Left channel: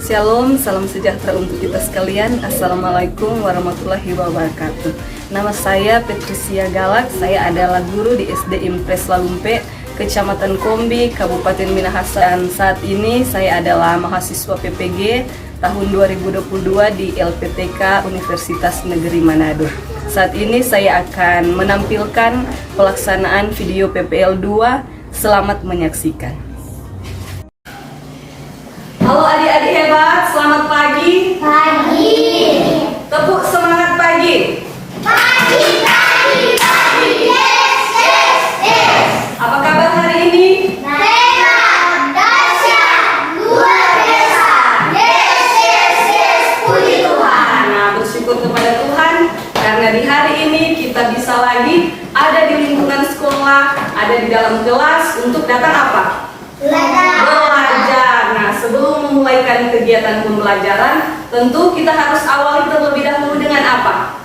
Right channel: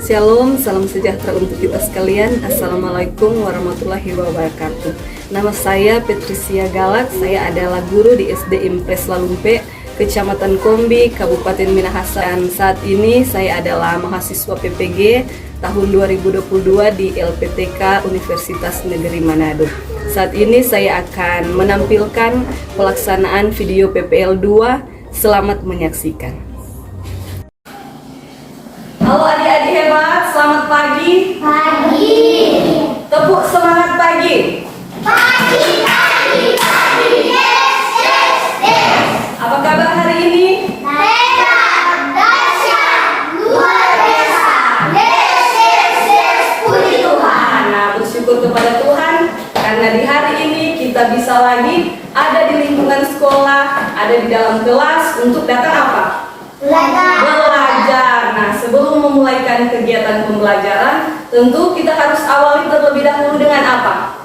Shalom, salam sejahtera untuk kita sekalian. Assalamualaikum warahmatullahi wabarakatuh. Nama saya Patricia Galak, saya adalah guru di SD Impres Lalumpe, Kecamatan Kombi, Kabupaten Minahasa. Dan saat ini saya adalah mahasiswa PPG tahun 2022 di LPTK Universitas Negeri Manado. Saat ini saya akan menampilkan pelaksanaan video PPL 2. Selamat menyaksikan. Halo adik-adik hebat, selamat pagi. Pagi. Tepuk semangat pagi. Pagi, pagi, pagi. Yes, yes, yes. Apa kabar hari ini? Hebat, dahsyat, luar biasa. Yes, yes, yes. Puji Tuhan. Nah, bersyukur kepada Tuhan karena di hari ini kita bisa lagi ada di lingkungan sekolah, ada di dalam kelas untuk datang apa? Belajar. Nah, sebelum memulaikan kegiatan pembelajaran, tentu kita harus awali terlebih dahulu dengan apa?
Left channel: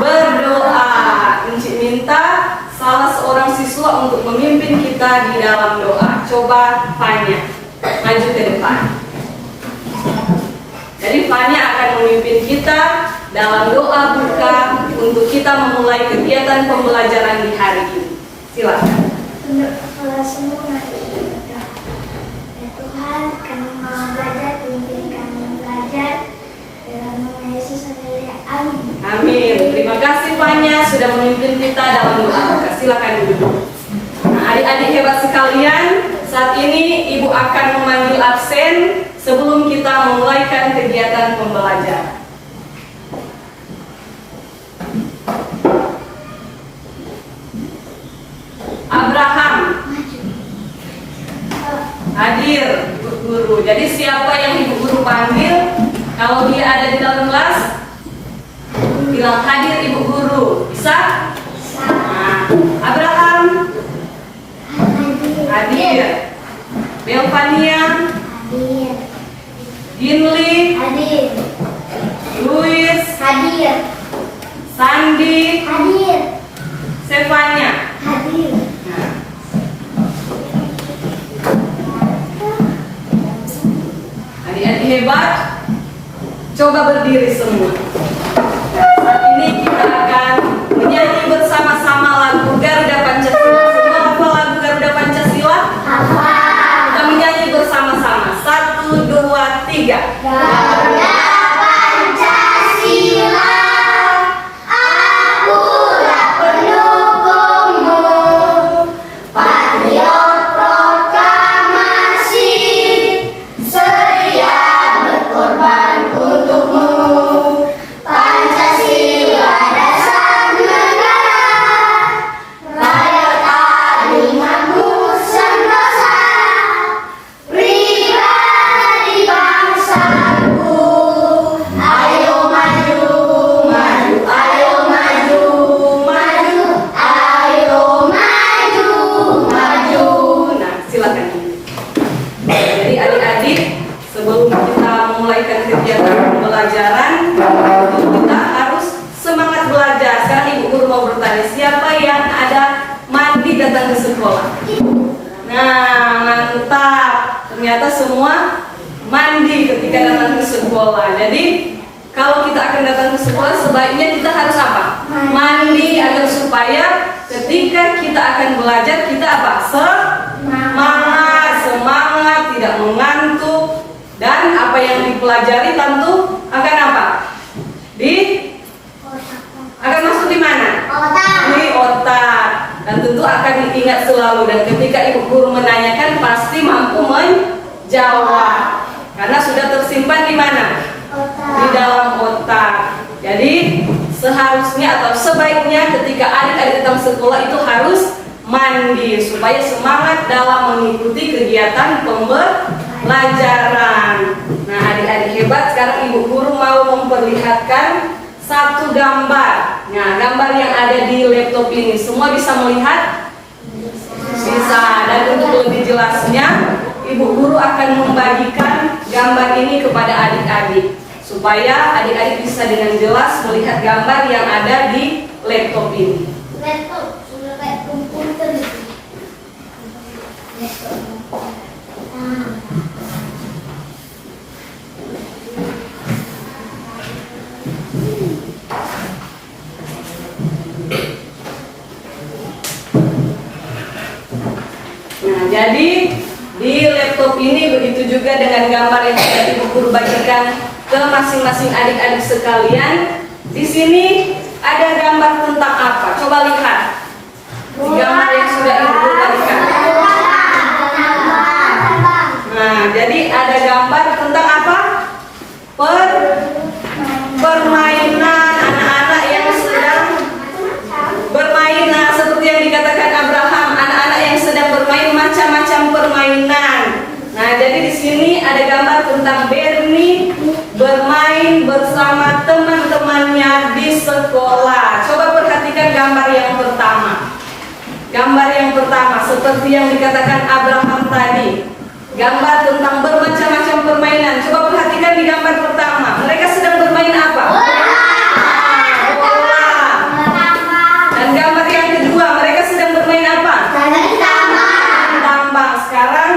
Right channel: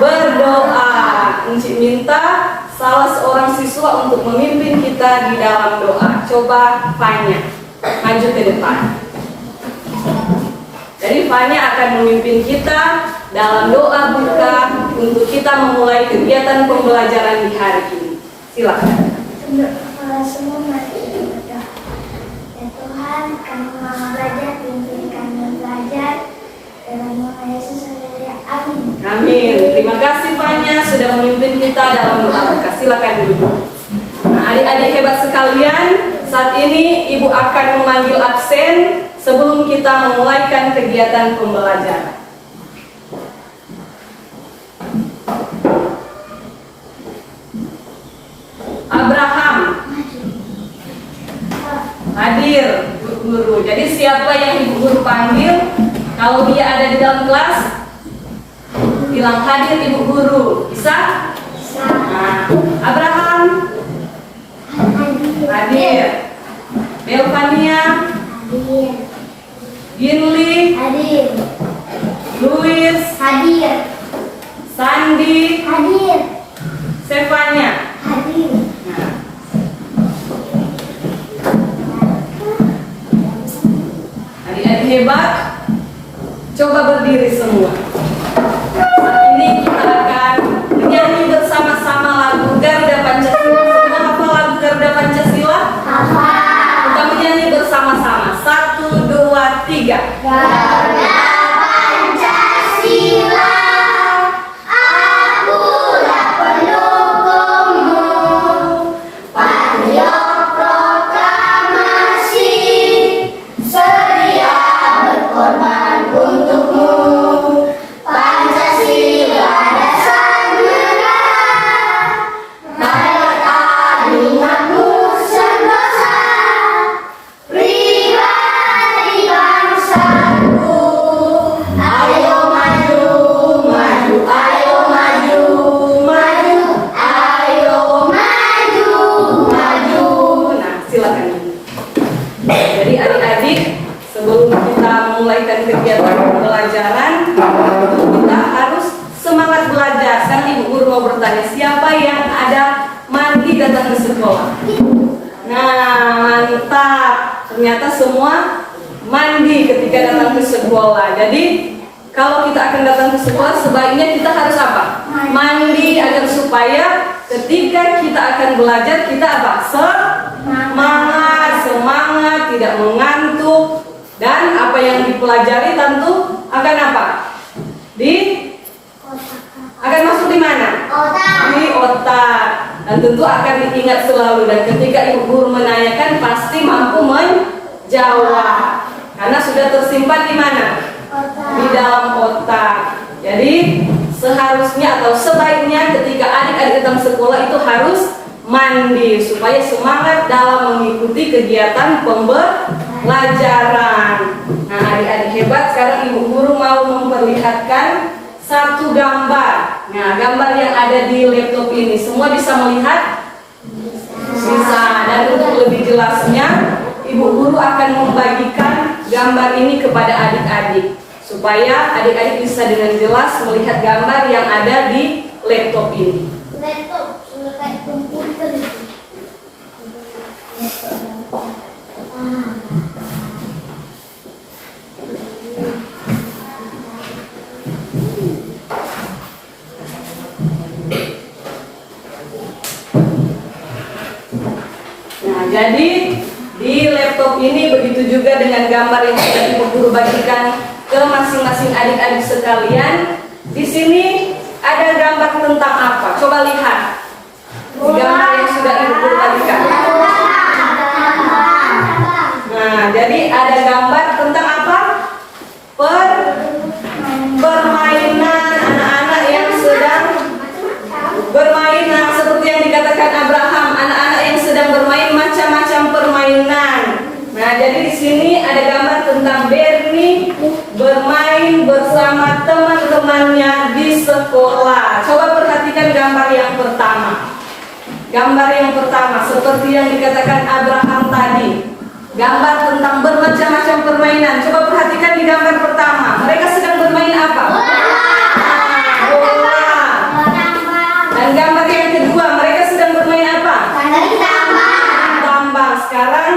Berdoa. Encik minta salah seorang siswa untuk memimpin kita di dalam doa. Coba Fanya, maju ke depan. Jadi Fanya akan memimpin kita dalam doa buka untuk kita memulai kegiatan pembelajaran di hari ini. Silakan. Semua mati berdoa. Ya Tuhan, kami mau belajar, pimpin kami belajar. Dalam nama Yesus, amin. Amin. Terima kasih Fanya sudah memimpin kita dalam doa buka. Silakan duduk. Nah, adik-adik hebat sekalian, saat ini Ibu akan memanggil absen sebelum kita memulaikan kegiatan pembelajaran. Abraham hadir, Bu Guru. Jadi siapa yang Ibu Guru panggil? Kalau dia ada di dalam kelas, bilang hadir Ibu Guru. Bisa? Nah, Abraham hadir. Belvania Hadir. Ginli, Hadir. Luis, Hadir. Sandi, Hadir. Stefania. Hadir. Nah, adik-adik hebat, coba berdiri semua. Saat ini kita akan menyanyi bersama-sama lagu Garuda Pancasila. Semua hafal lagu Garuda Pancasila? Apa? Kita menyanyi bersama-sama. 1, 2, 3. Garuda Pancasila, akulah pendukungmu. Patriot proklamasi, sedia berkorban untukmu. Pancasila dasar negara, rakyat adil makmur sentosa, pribadi bangsaku. Ayo maju, maju, ayo maju, maju, ayo maju, maju. Nah, silakan. Jadi adik-adik, sebelum kita memulaikan kegiatan pembelajaran, kita harus semangat belajar. Sekarang Ibu Guru mau bertanya, siapa yang ada mandi datang ke sekolah? Nah, mantap. Ternyata semua mandi ketika datang ke sekolah. Jadi kalau kita akan datang ke sekolah, sebaiknya kita harus apa? Mandi agar supaya ketika kita akan belajar kita apa? Semangat, tidak mengantuk, dan apa yang dipelajari tentu akan apa? Akan masuk di mana? Otak. Di otak, dan tentu akan diingat selalu. Dan ketika Ibu Guru menanyakan pasti mampu menjawab karena sudah tersimpan di mana? Di dalam otak. Jadi seharusnya atau sebaiknya ketika adik-adik datang sekolah itu harus mandi supaya semangat dalam mengikuti kegiatan pembelajaran. Nah, adik-adik hebat, sekarang Ibu Guru mau memperlihatkan satu gambar. Nah, gambar yang ada di laptop ini semua bisa melihat? Bisa. Dan untuk lebih jelasnya, Ibu Guru akan membagikan gambar ini kepada adik-adik supaya adik-adik bisa dengan jelas melihat gambar yang ada di laptop ini. Laptop sudah kayak komputer gitu. gambar yang sudah Ibu Guru bagikan ke masing-masing adik-adik sekalian. Di sini ada gambar tentang apa? Coba lihat gambar yang sudah Ibu Guru bagikan. Nah, jadi ada gambar tentang apa? Permainan anak-anak yang sedang bermain. Nah, seperti yang dikatakan Abraham, anak-anak yang sedang bermain macam-macam permainan. Nah, jadi di sini ada gambar tentang Bernie bermain bersama teman-temannya di sekolah. Coba perhatikan gambar yang pertama. Gambar yang pertama seperti yang dikatakan Abraham tadi. Gambar tentang bermacam-macam permainan. Coba perhatikan di gambar pertama. Mereka sedang bermain apa? Bola. Dan gambar yang kedua, mereka sedang bermain apa? Tambang. Sekarang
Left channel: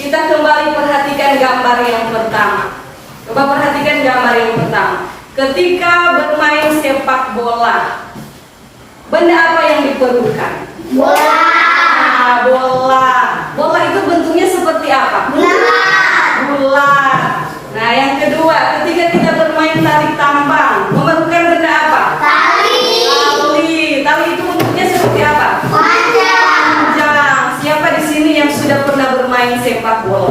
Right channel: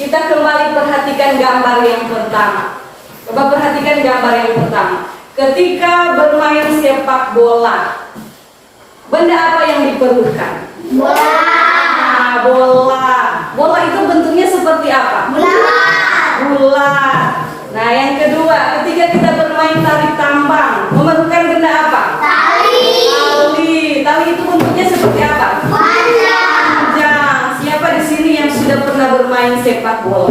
kita kembali perhatikan gambar yang pertama. Coba perhatikan gambar yang pertama. Ketika bermain sepak bola, benda apa yang diperlukan? Bola. Nah, bola. Bola itu bentuknya seperti apa? Bulat. Nah, yang kedua, ketika kita bermain tarik tambang, memerlukan benda apa? Tali. Tali itu bentuknya seperti apa? Panjang. Siapa di sini yang sudah pernah bermain sepak bola?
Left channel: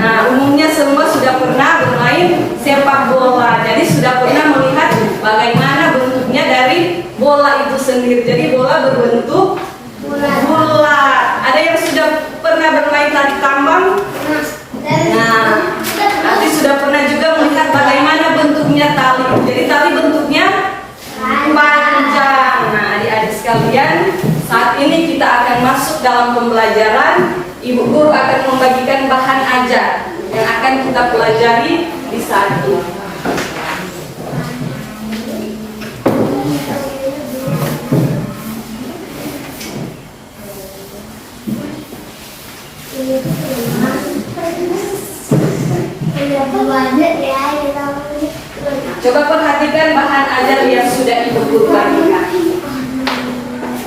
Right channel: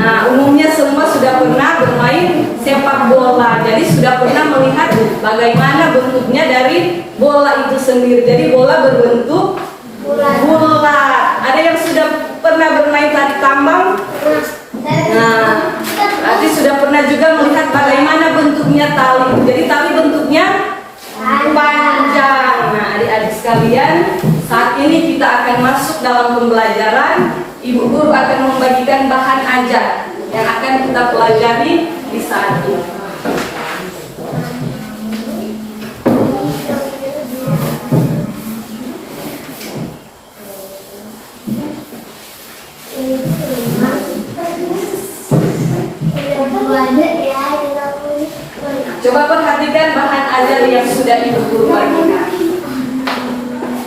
Nah, umumnya semua sudah pernah bermain sepak bola. Jadi sudah pernah melihat bagaimana bentuknya dari bola itu sendiri. Jadi bola berbentuk bulat. Ada yang sudah pernah bermain tarik tambang? Nah, berarti sudah pernah juga melihat bagaimana bentuknya tali. Jadi tali bentuknya panjang. Nah, adik-adik sekalian, saat ini kita akan masuk dalam pembelajaran. Ibu Guru akan membagikan bahan ajar yang akan kita pelajari di saat ini. Coba perhatikan bahan ajar yang sudah Ibu Guru bagikan.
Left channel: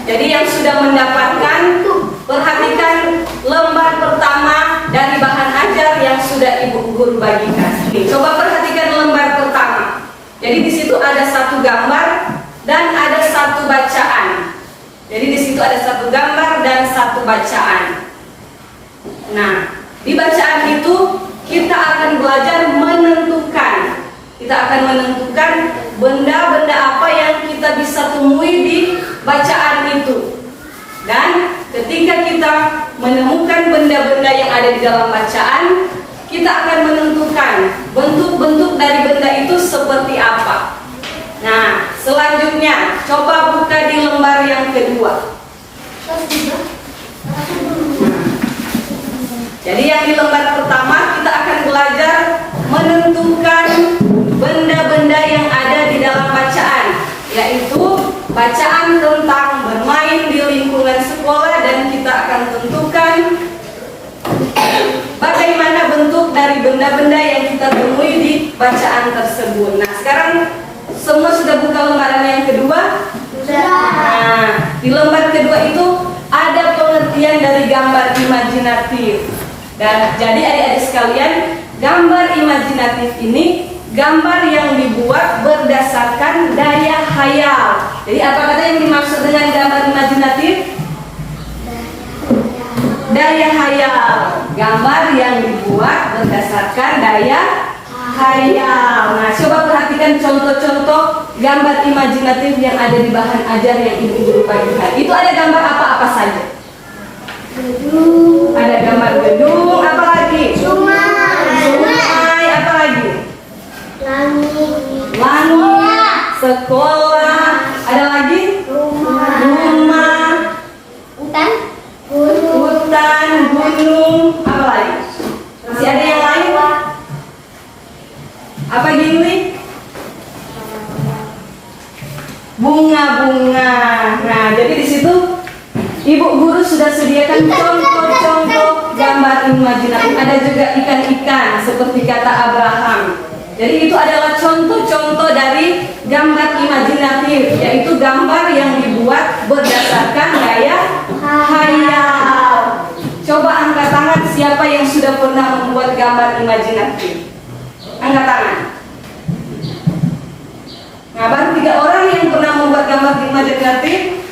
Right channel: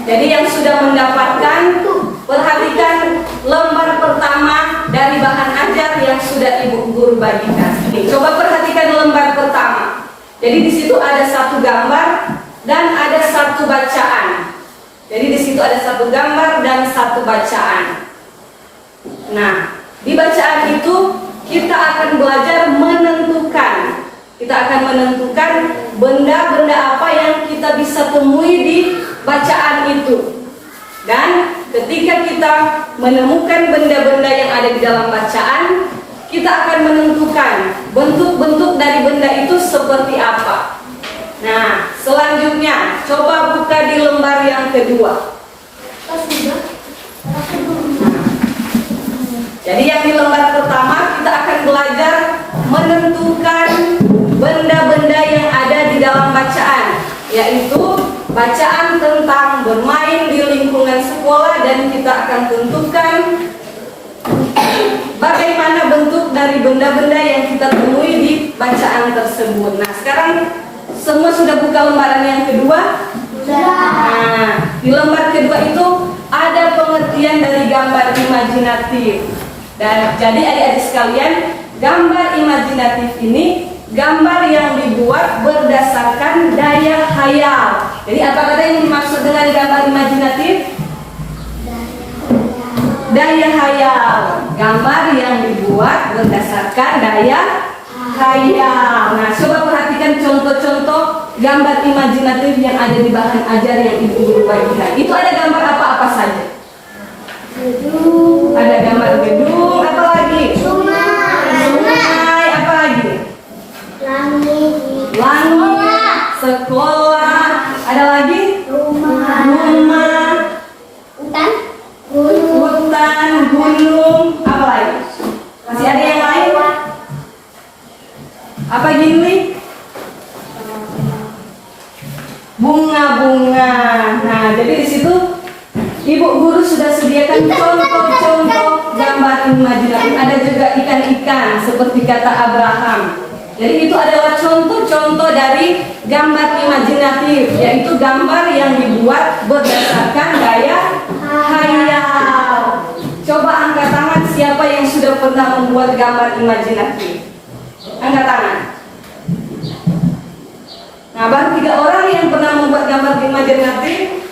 Jadi yang sudah mendapatkan, perhatikan lembar pertama dari bahan ajar yang sudah Ibu Guru bagikan. Coba perhatikan lembar pertama. Jadi di situ ada satu gambar dan ada satu bacaan. Jadi di situ ada satu gambar dan satu bacaan. Nah, di bacaan itu kita akan belajar menentukan. Kita akan menentukan benda-benda apa yang kita bisa temui di bacaan itu. Dan ketika kita menemukan benda-benda yang ada di dalam bacaan, kita akan menentukan bentuk-bentuk dari benda itu seperti apa. Nah, selanjutnya coba buka di lembar yang kedua. Jadi yang di lembar pertama kita akan belajar menentukan benda-benda yang ada di dalam bacaan, yaitu bacaan tentang bermain di lingkungan sekolah, dan kita akan tentukan bagaimana bentuk dari benda-benda yang kita temui di bacaan tersebut. Nah, sekarang semua sudah buka lembaran yang kedua? Nah, di lembar kedua itu ada pengertian dari gambar imajinatif. Dan jadi adik-adik sekalian, gambar imajinatif ini gambar yang dibuat berdasarkan daya khayal. Jadi apa kata yang dimaksud dengan gambar imajinatif? Daya khayal. Gambar yang dibuat berdasarkan daya khayal. Nah, coba perhatikan contoh-contoh gambar imajinatif yang ada di bahan ajar yang Ibu Guru bagikan. Itu ada gambar apa-apa saja? Gedung. Ada gambar gedung, apa lagi? Sungai. Apa lagi? Langit. Sekolah. Ada lagi? Rumah. Hutan, Gunung. gunung. Apa lagi? Masih ada yang lain? Apa gini? Bunga-bunga. Nah, jadi di situ Ibu Guru sudah sediakan contoh-contoh gambar imajinatif. Ada juga ikan-ikan seperti kata Abraham. Jadi itu adalah contoh-contoh dari gambar imajinatif, yaitu gambar yang dibuat berdasarkan daya khayal. Coba angkat tangan siapa yang sudah pernah membuat gambar imajinatif? Angkat tangan. Nah, baru 3 orang yang pernah membuat gambar imajinatif.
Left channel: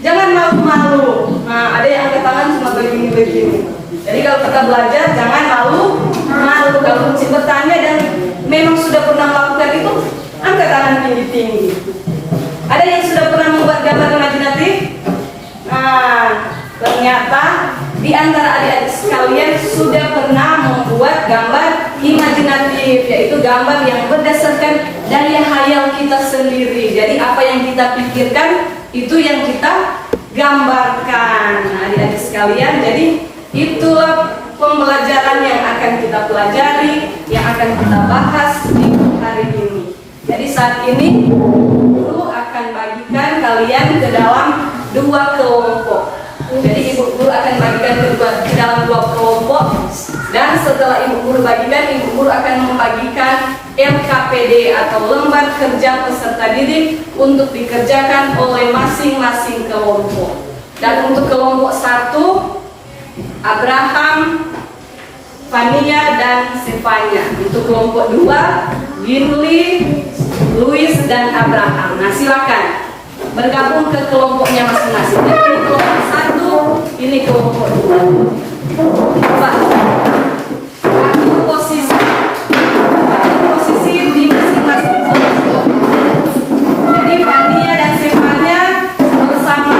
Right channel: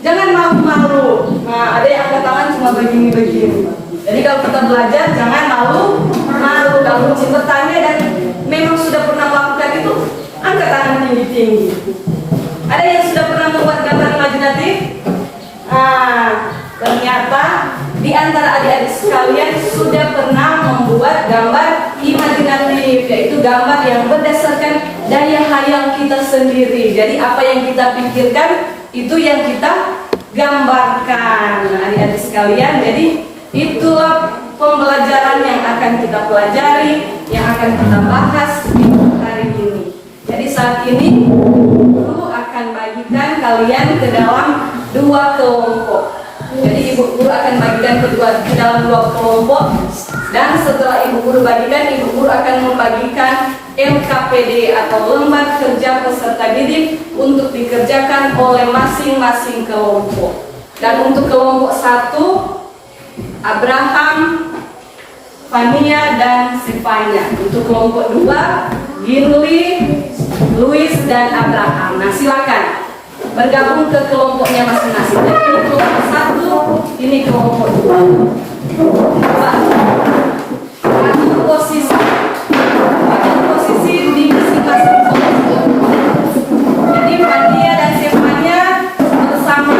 Jangan malu-malu. Nah, ada yang angkat tangan cuma begini-begini. Jadi kalau kita belajar jangan malu-malu. Kalau bertanya dan memang sudah pernah melakukan itu, angkat tangan tinggi-tinggi. Ada yang sudah pernah membuat gambar imajinatif? Ternyata di antara adik-adik sekalian sudah pernah membuat gambar imajinatif, yaitu gambar yang berdasarkan daya hayal kita sendiri. Jadi apa yang kita pikirkan itu yang kita gambarkan. Nah, adik-adik sekalian, jadi itulah pembelajaran yang akan kita pelajari, yang akan kita bahas di hari ini. Jadi saat ini guru akan bagikan kalian ke dalam 2 kelompok. Jadi ibu guru akan bagikan ke dalam 2 kelompok, dan setelah ibu guru bagikan, ibu guru akan membagikan LKPD atau lembar kerja peserta didik untuk dikerjakan oleh masing-masing kelompok. Dan untuk kelompok 1, Abraham, Fania, dan Stefania. Untuk kelompok 2, Ginli, Luis, dan Abraham. Nah, silakan bergabung ke kelompoknya masing-masing. Ini kelompok 1, ini kelompok 2. Atur posisi di masing-masing kelompok. Jadi Fania dan Stefania bersama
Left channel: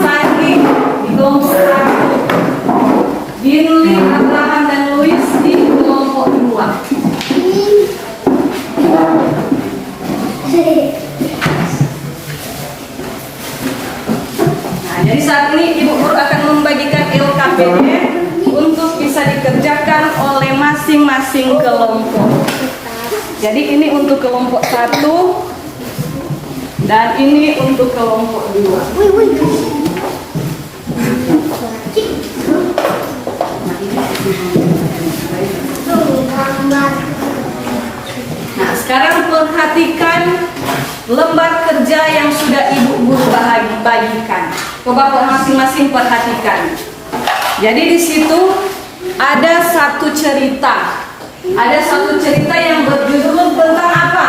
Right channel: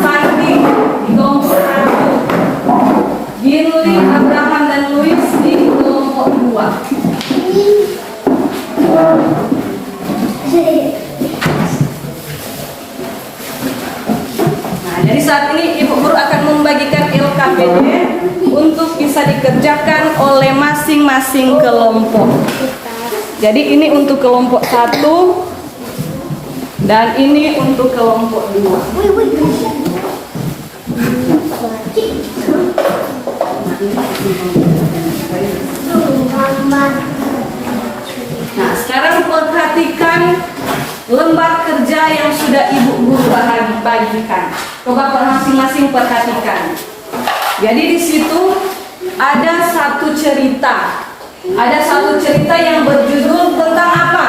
Sandi di kelompok 1, Ginli, Abraham, dan Luis di kelompok 2. Jadi saat ini ibu guru akan membagikan LKPD untuk bisa dikerjakan oleh masing-masing kelompok. Jadi ini untuk kelompok 1 dan ini untuk kelompok 2. Nah, sekarang perhatikan lembar kerja yang sudah ibu guru bagikan. Coba masing-masing perhatikan. Jadi di situ ada satu cerita. Ada satu cerita yang berjudul tentang apa?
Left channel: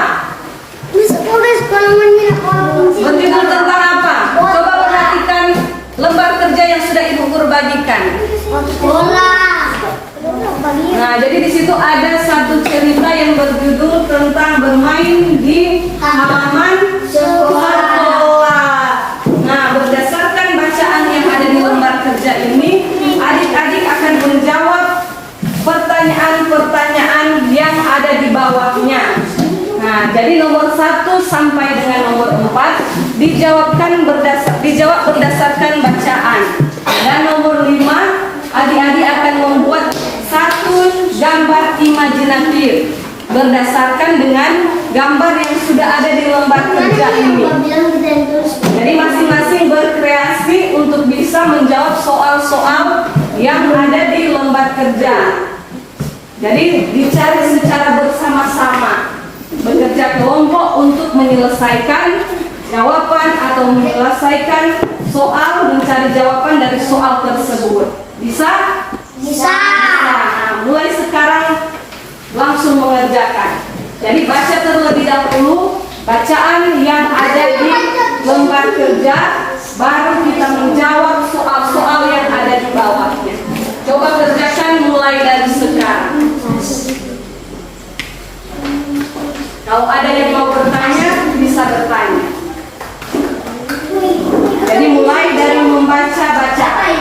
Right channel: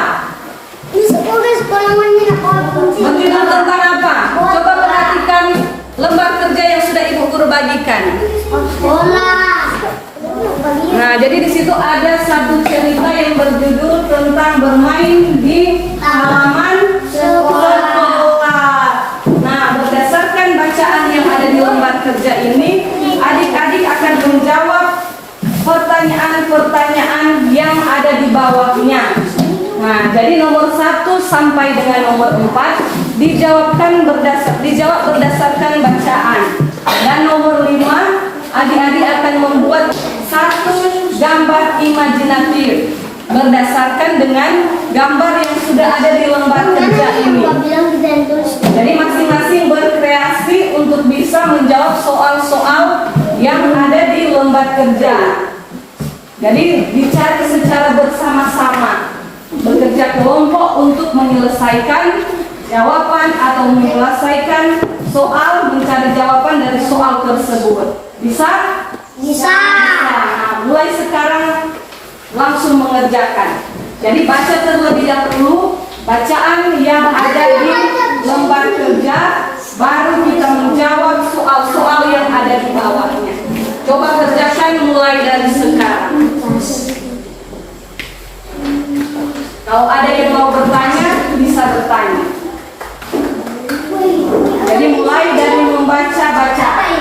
Berjudul tentang apa? Coba perhatikan lembar kerja yang sudah ibu guru bagikan. Nah, jadi di situ ada satu cerita yang berjudul tentang bermain di halaman sekolah. Nah, berdasarkan bacaan yang ada di lembar kerja ini, adik-adik akan menjawab pertanyaan-pertanyaan yang ada di bawahnya. Nah, jadi nomor 1 sampai dengan nomor 4 dijawab berdasarkan bacaan. Dan nomor 5, adik-adik akan membuat satu gambar imajinatif berdasarkan dengan gambar yang sudah ada di lembar kerja ini. Jadi masing-masing berkreasi untuk bisa menjawab soal-soal yang ada di lembar kerja. Jadi dicari secara bersama-sama, bekerja kelompok untuk menyelesaikan jawaban atau menyelesaikan soal, mencari jawaban dari soal tersebut. Bisa? Bisa. Nah, mulai sekarang langsung mengerjakan. Jadi baca terlebih dahulu bacaan yang ada di lembar kerja, baru kita menjawab soal-soal yang ada di bawahnya. Coba kerjakan mulai dari sekarang. Kalau ada yang mau bertanya, bisa bertanya. Jadi mulai dari membaca bacaan.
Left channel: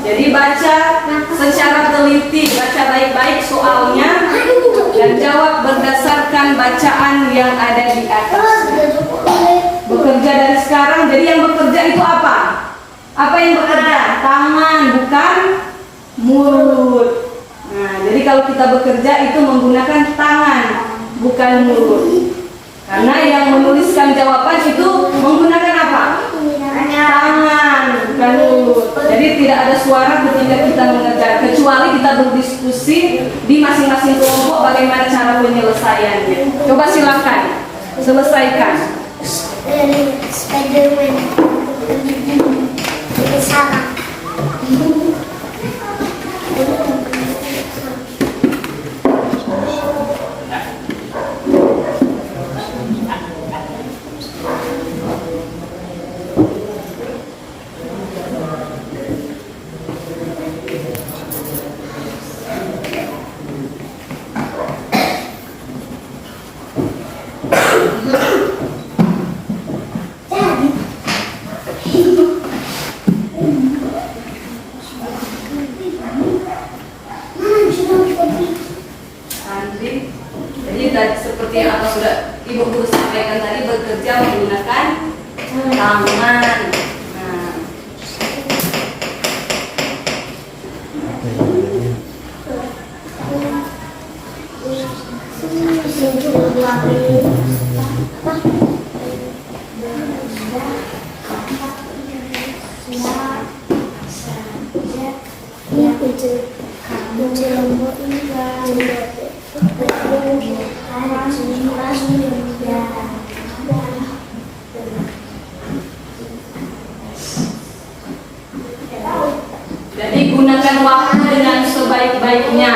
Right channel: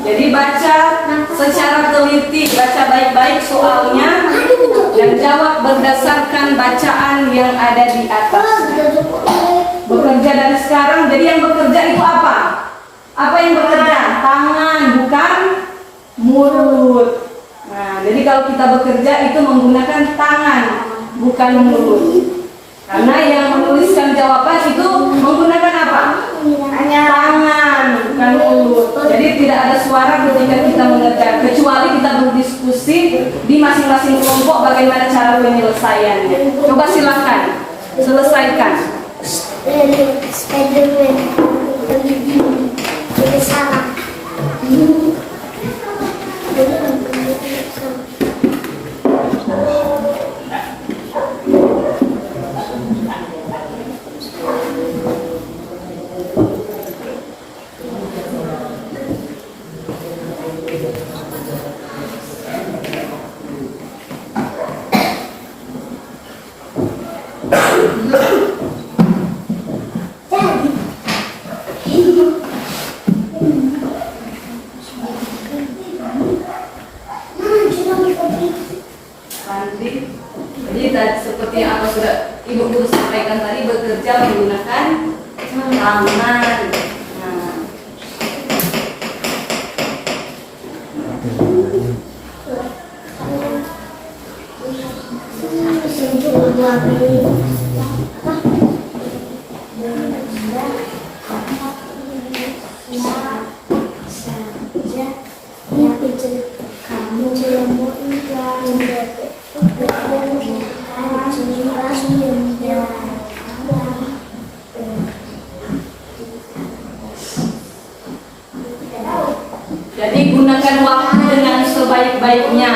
Jadi baca secara teliti, baca baik-baik soalnya dan jawab berdasarkan bacaan yang ada di atas. Bekerja dari sekarang. Jadi yang bekerja itu apa? Apa yang bekerja? Tangan, bukan mulut. Nah, jadi kalau kita bekerja itu menggunakan tangan, bukan mulut. Karena yang menuliskan jawaban itu menggunakan apa? Tangan. Bukan mulut. Jadi tidak ada suara ketika kita mengerjakan, kecuali kita berdiskusi di masing-masing kelompok bagaimana cara penyelesaiannya. Coba silakan selesaikan. Spiderman jadi salah. Jadi seperti yang sudah Ibu Guru sampaikan tadi, bekerja menggunakan tangan. Jadi gunakan waktu dengan sebaik-baiknya.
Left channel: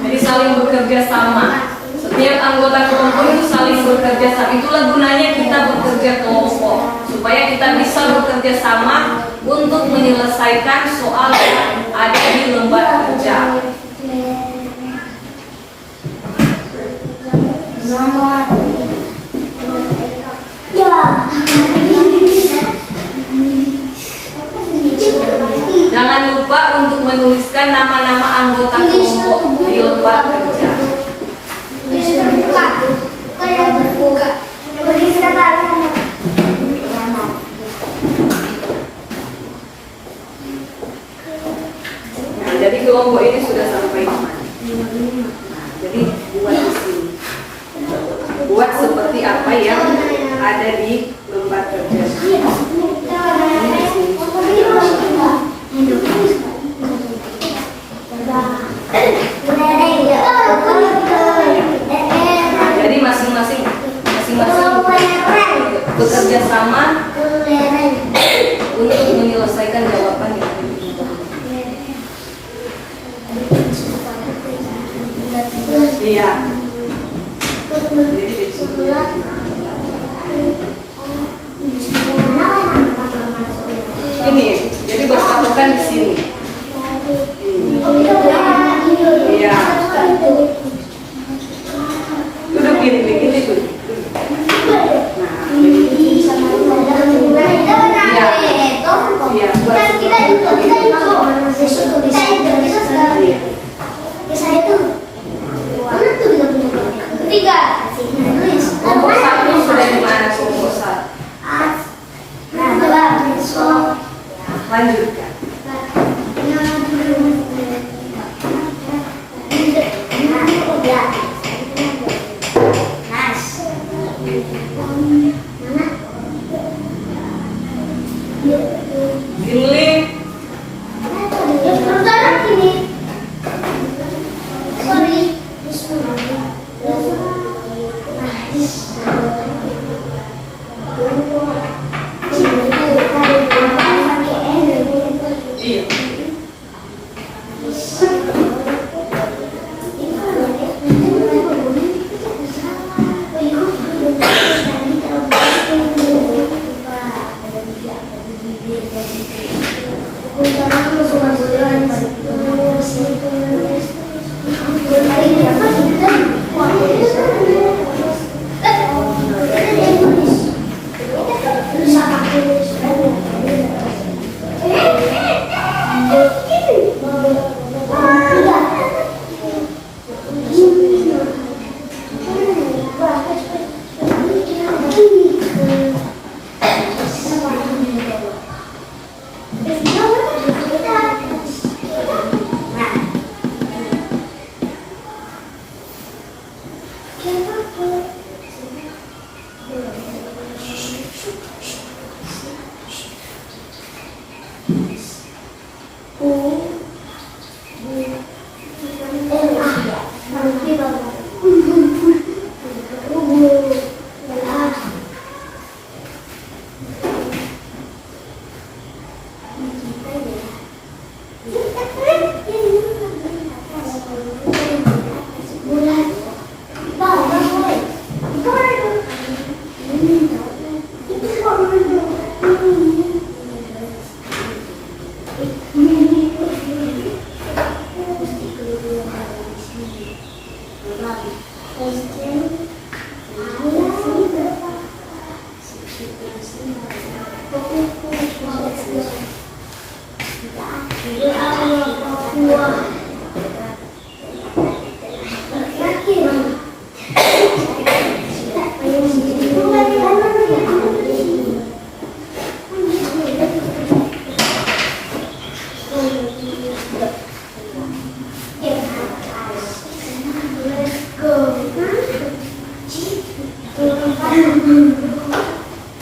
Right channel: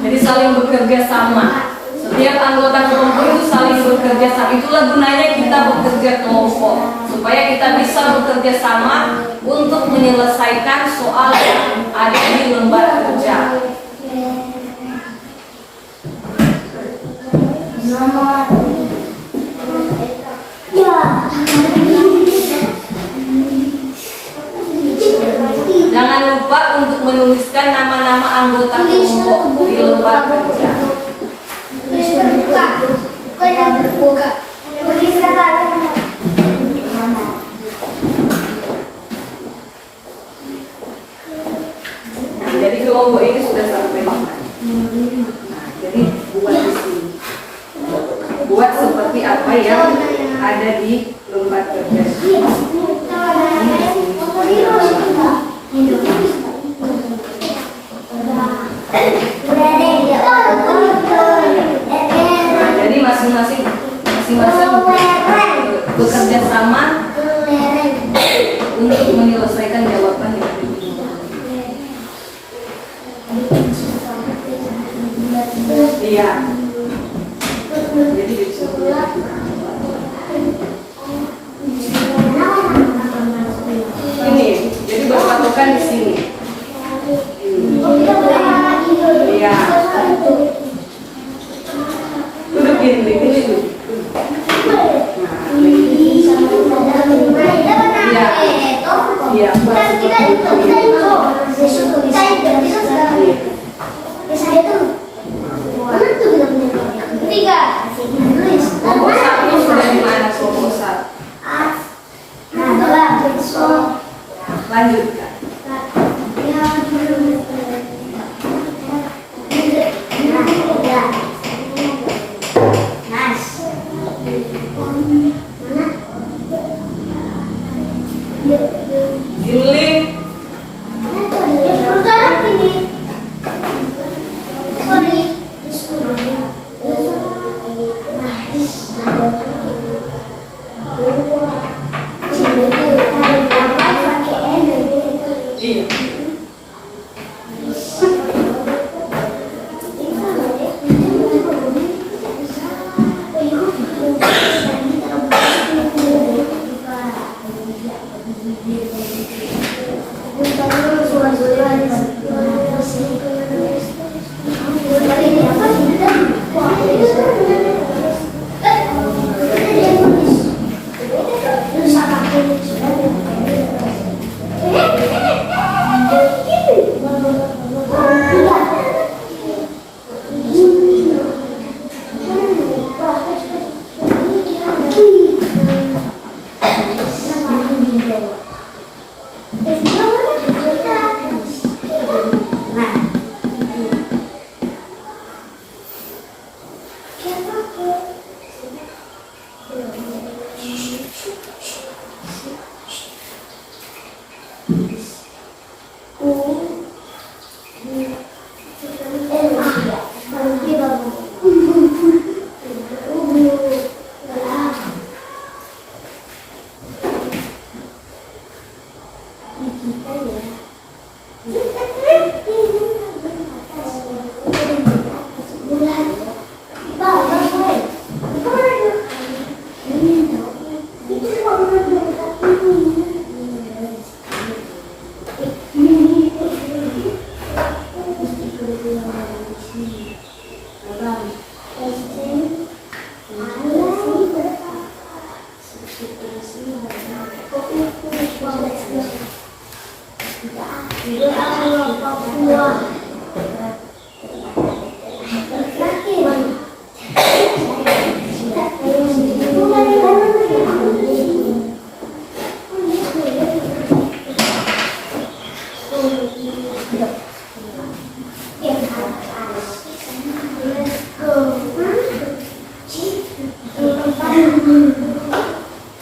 Jadi saling bekerja sama. Setiap anggota kelompok itu saling bekerja sama. Itulah gunanya kita bekerja kelompok, supaya kita bisa bekerja sama untuk menyelesaikan soal yang ada di lembar kerja. Jangan lupa untuk menuliskan nama-nama anggota kelompok di lembar kerja. Nah, jadi kelompok ini sudah sampai di mana? Nah, jadi buat di sini. Buat seperti apa yang ada di lembar kerja. Jadi masing-masing bekerja sama untuk menyelesaikan jawaban yang dibutuhkan. Iya. Jadi ini, jadi berpatokan di sini. Iya. Duduk gini duduk. Iya. Kelompok satu sudah di mana kelompok satu? Lanjutkan.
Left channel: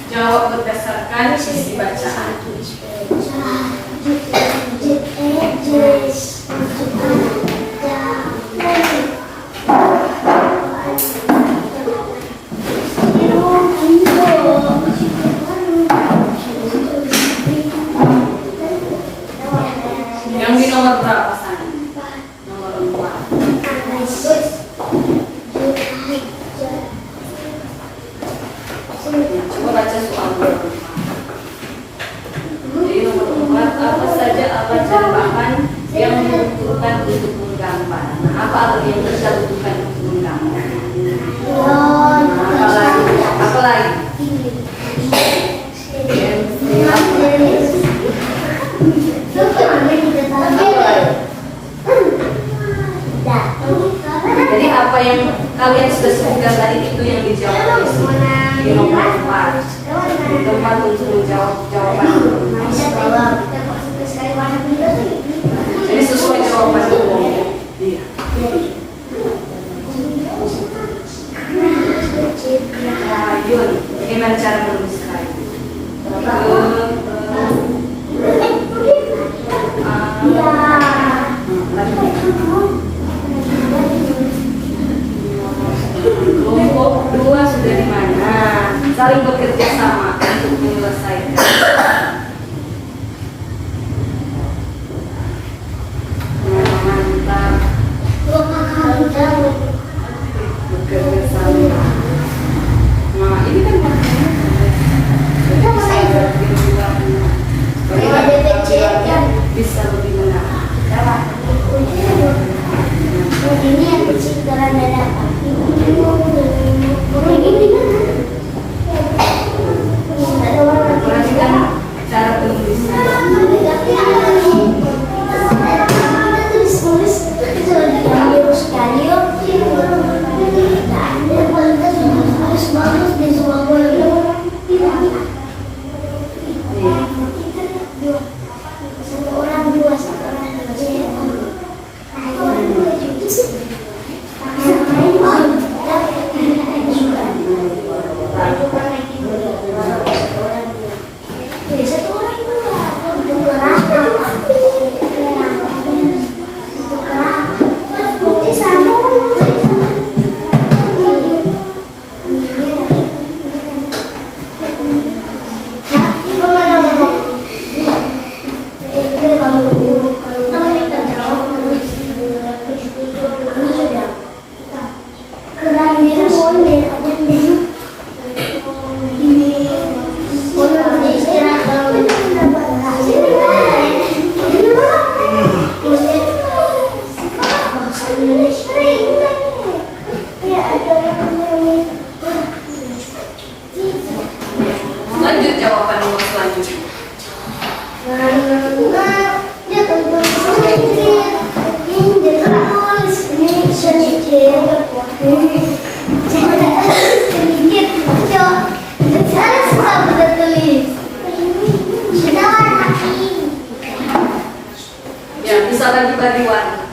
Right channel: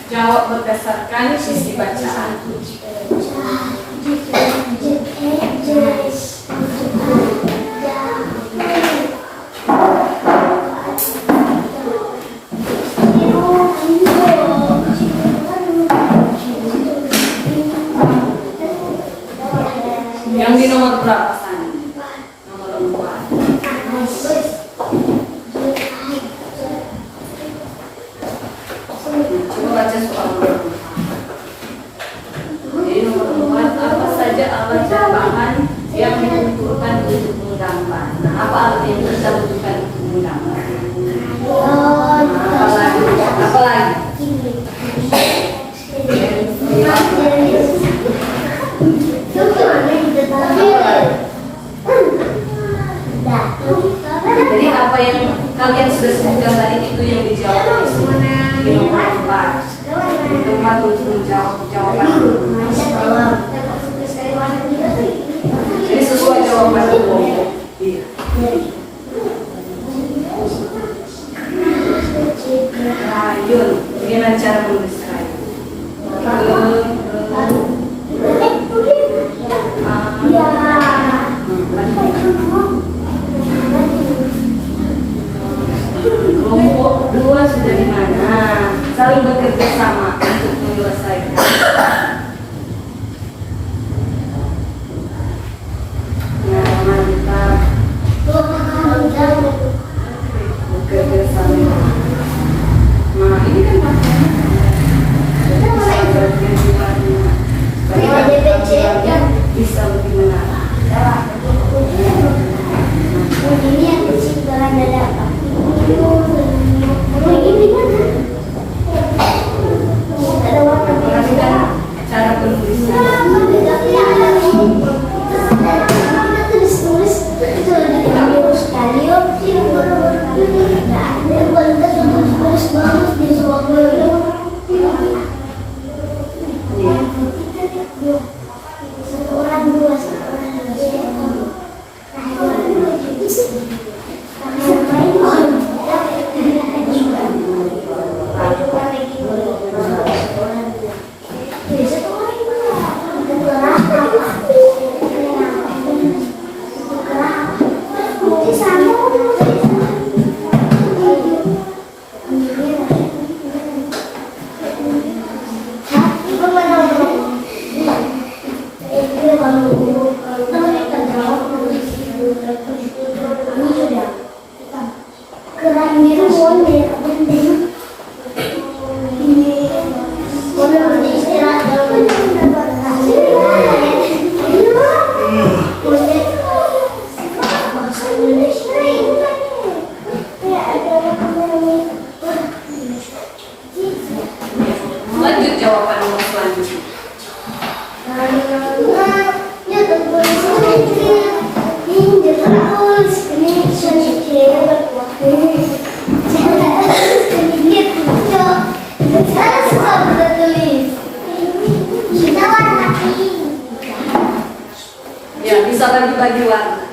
Jawab berdasarkan sisi bacaan. Yang di nomor berapa sana? Nomor 4. Coba baca soal nomor 4. Jadi nomor 4, apa saja alat dan bahan yang dibutuhkan untuk menggambar? Nah, apa alat yang kita butuhkan untuk menggambar? Apa lagi? Jadi apa yang kalian sudah sebutkan tadi itu yang dijawab di nomor 4. Tempat untuk menjawab jawaban. Jadi sesuai jawaban kelompok. Iya. Yun, bagaimana cara menulis kayu? Kelompok 2 sudah di mana? Saling bekerja sama untuk menyelesaikan. Mantap. Bekerja sama. Nah, ini kan bisa lebih menarik. Ini yang kecil dalam dada. Ini Lanjut jawaban nomor selanjutnya. Ya, bisa bagi-bagi warna.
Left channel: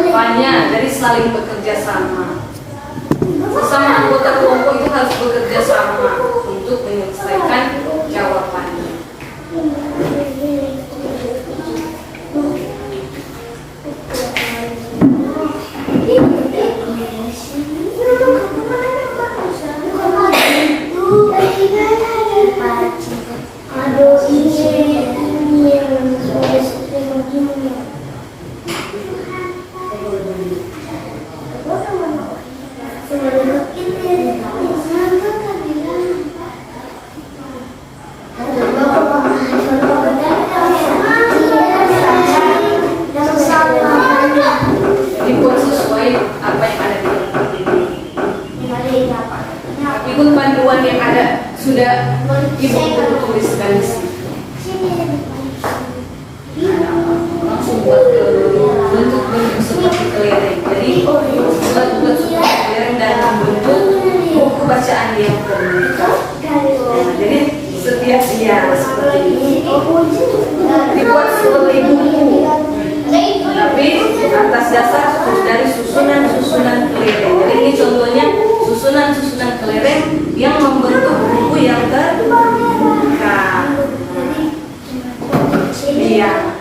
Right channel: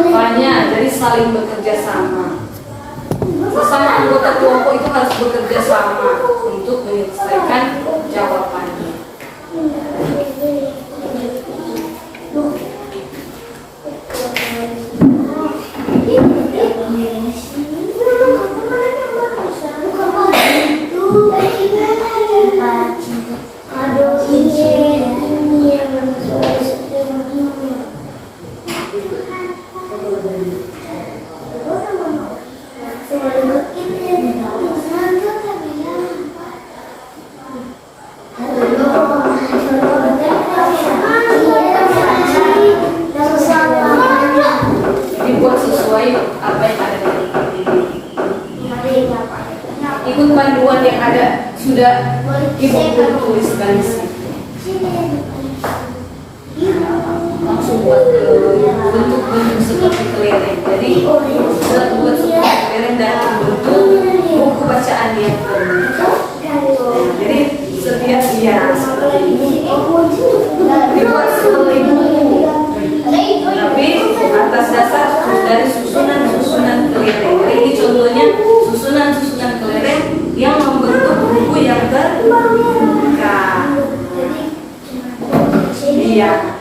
Rupanya jadi saling bekerja sama. Sesama anggota kelompok itu harus bekerja sama untuk menyelesaikan jawabannya. Dibuat sesuai apa yang ada di ini. Ikut panduan yang ada sudah ibu tuliskan di sini. Langsung buat ke bentuk-bentuk seperti kelereng. Jadi buat seperti kelereng dan bentuk buku bacaan yang terbuka. Jadi setiap dia seperti ini dibuat seperti buku, tapi atas dasar dari susunan-susunan kelereng. Jadi ini contohnya susunan-susunan kelereng yang membentuk buku yang terbuka. Iya,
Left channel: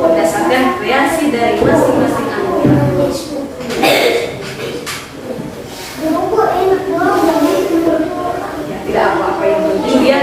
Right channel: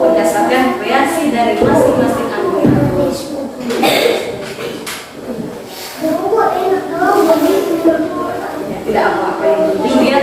berdasarkan kreasi dari masing-masing anggota. Ya, tidak apa-apa yang penting dia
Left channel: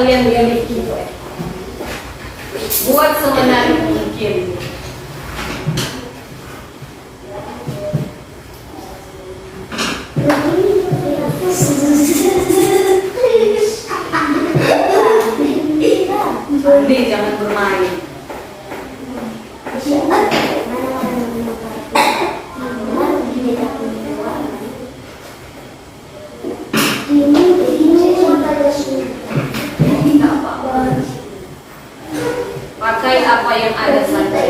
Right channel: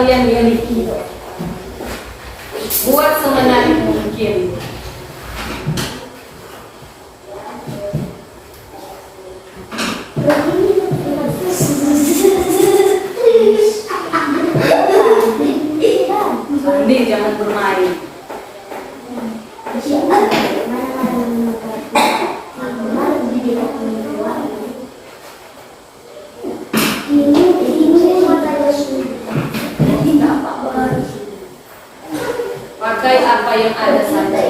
kalian miliki. Buat semenarik mungkin. Andi, jangan bermain. Pakai apa yang ada saja.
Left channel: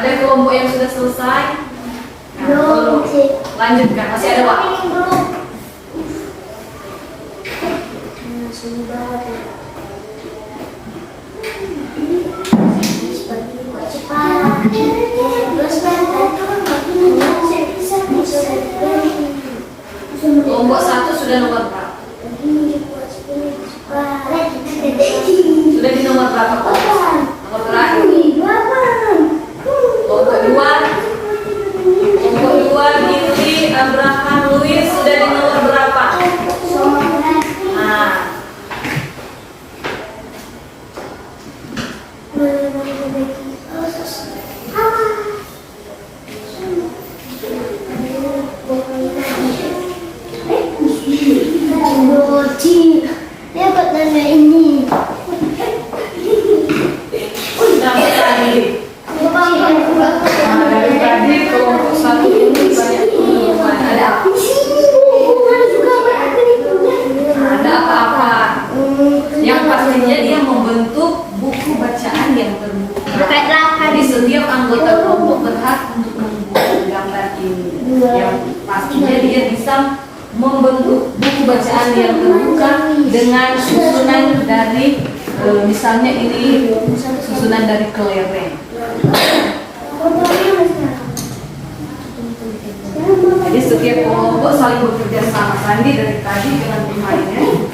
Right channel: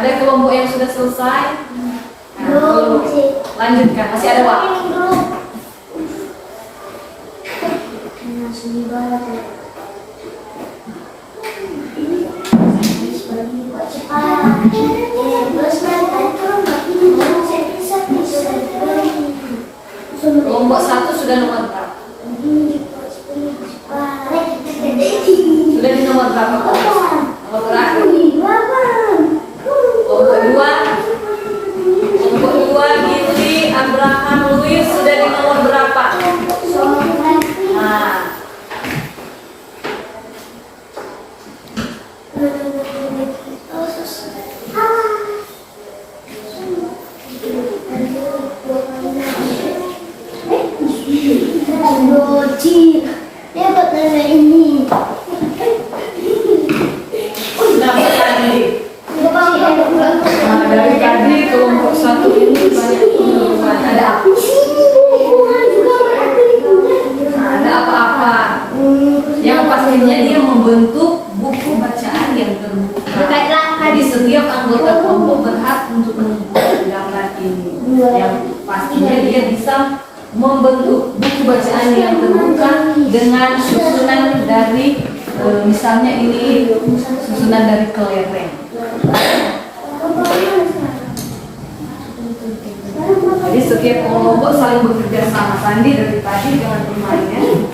Ada kelompok yang sudah selesai? Nah, lanjutkan, masih ada waktu. Kelompok 1 sudah nomor berapa? Sudah di nomor berapa? Nomor terakhir. Kelompok 2 Gili, Abraham, Luis sudah di nomor berapa? Nah, dari tadi kelompok 1 ini banyak penemuan. Ada apa? Ada apa-apa? Yang pastinya dia membentuk buku bacaan yang terbuka. Jadi setiap anggota kelompok berhak untuk membuat gambar ini. Yang pastinya dia bisa membentuk buku bacaan yang terbuka dengan susunan dari misalnya ini susunan dari kelereng. Jadi setiap kelompok saling bekerja sama. Sandi dari tadi dengan pemainnya.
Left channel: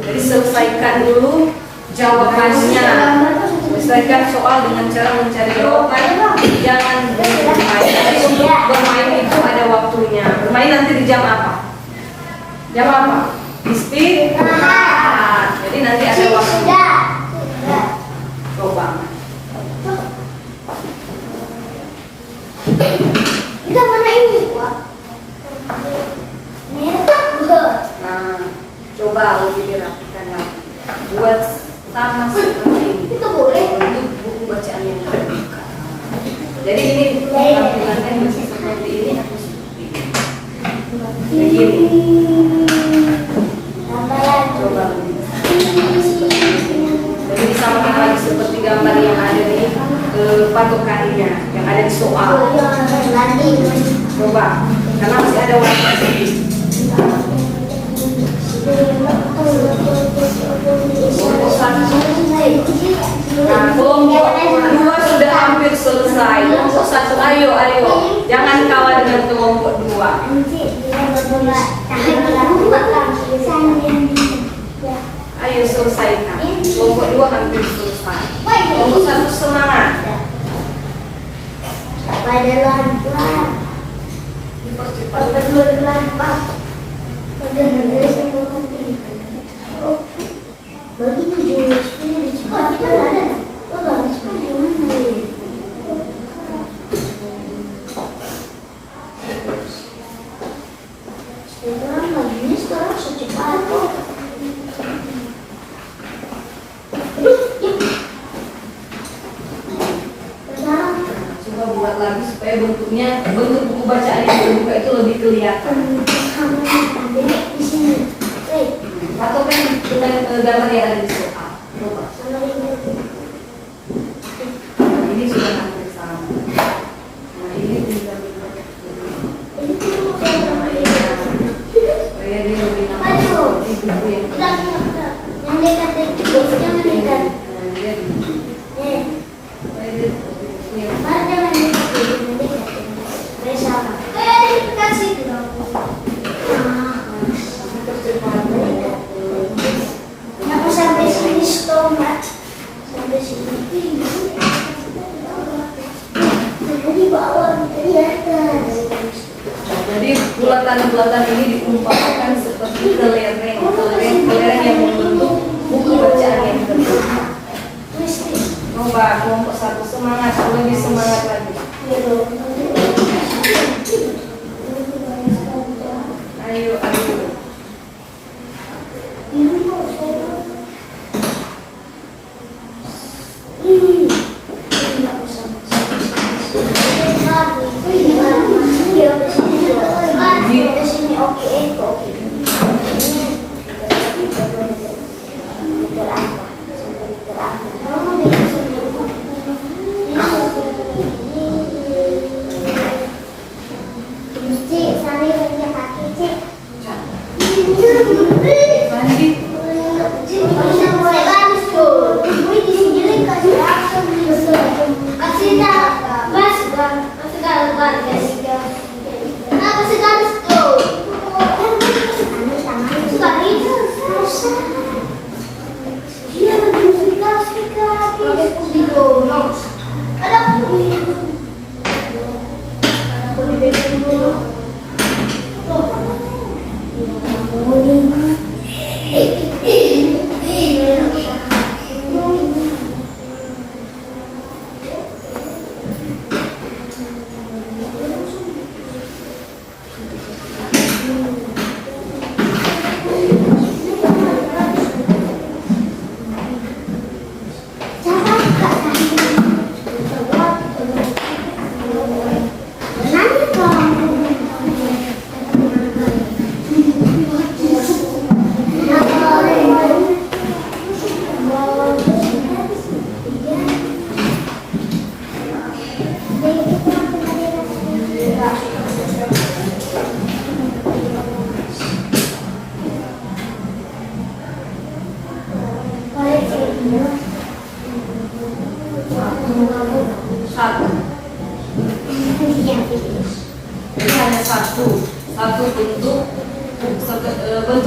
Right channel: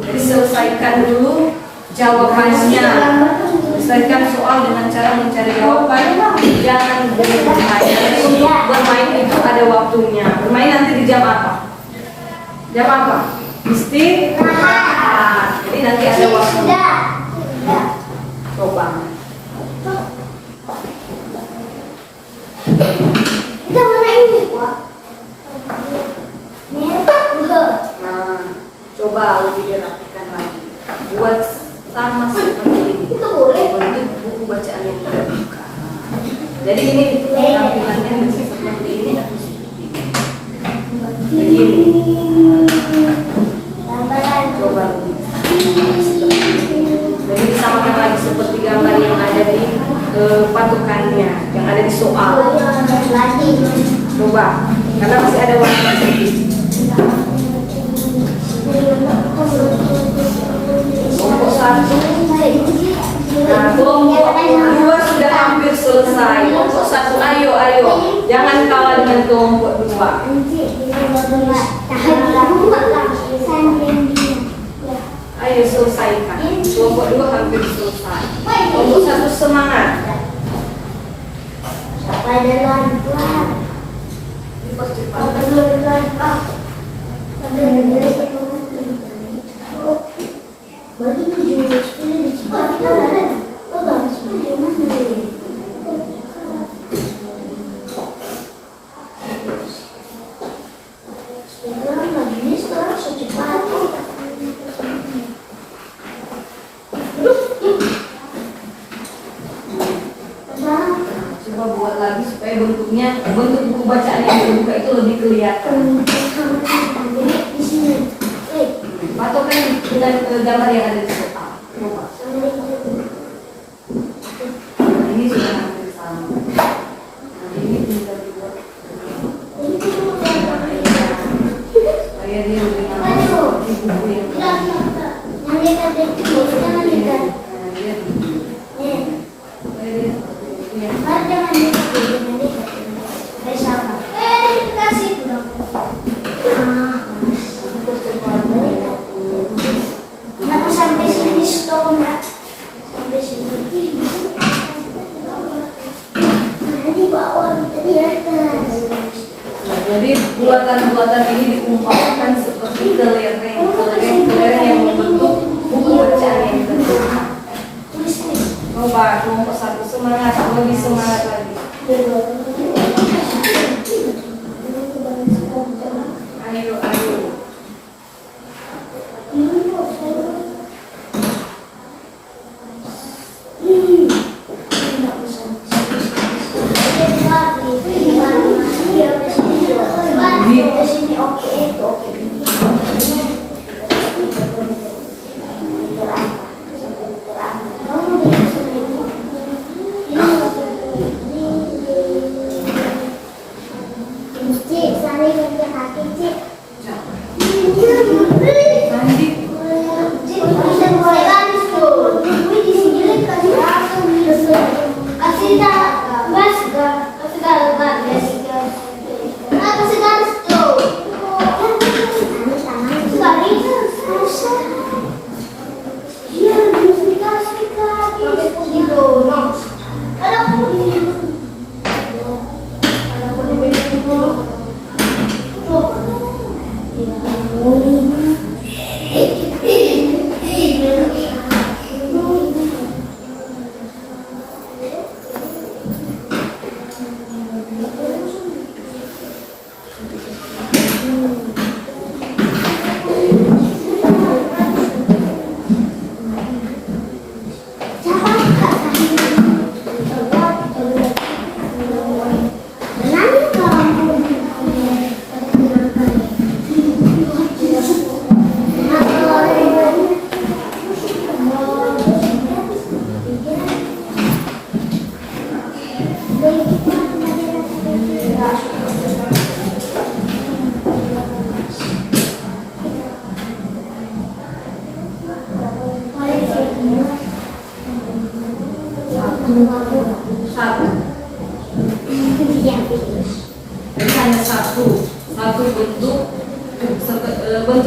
Jadi selesaikan dulu jawabannya. Selesaikan soal dengan cara mencari jawaban. Jangan bermain. Jadi untuk bermain Jam apa? Istirahat. Jadi nanti ada waktu. Coba. Kita mana ini, Pak? Nah, coba lebih dirapikan lagi. Buat sama seperti ini. Itu boleh. Bentuk buku bacaan yang terbuka. Jadi ini tampilannya bisa seperti ini atau seperti ini. Begini. Coba lebih. Jadi sama lagi seperti gambar yang ada di patokannya, yang ada di soal. Coba, karena masih ada waktu sedikit. Kelompok 1. Nah, kelompok 2 sudah hampir selesai. Kelompok 1, ayo. Jangan kalah dengan kelompok 2. Ayo selesaikan. Kelompok 2 hampir selesai. Kelompok 1 semangat. Coba buat lagi supaya bentuk buku bacaan yang terbuka itu lebih kelihatan. Patokan dengan gambar yang ada di soal. Coba. Ini sudah hampir sama. Nah, ini juga supaya dia lebih nampak seperti buku yang jadi bulatan-bulatan ini dikumpulkan seperti kelereng yang membentuk buku bacaan yang terbuka. Coba kelompok 1 semangat, lebih semangat lagi. Ayo. Satu. Hanya satu bentuk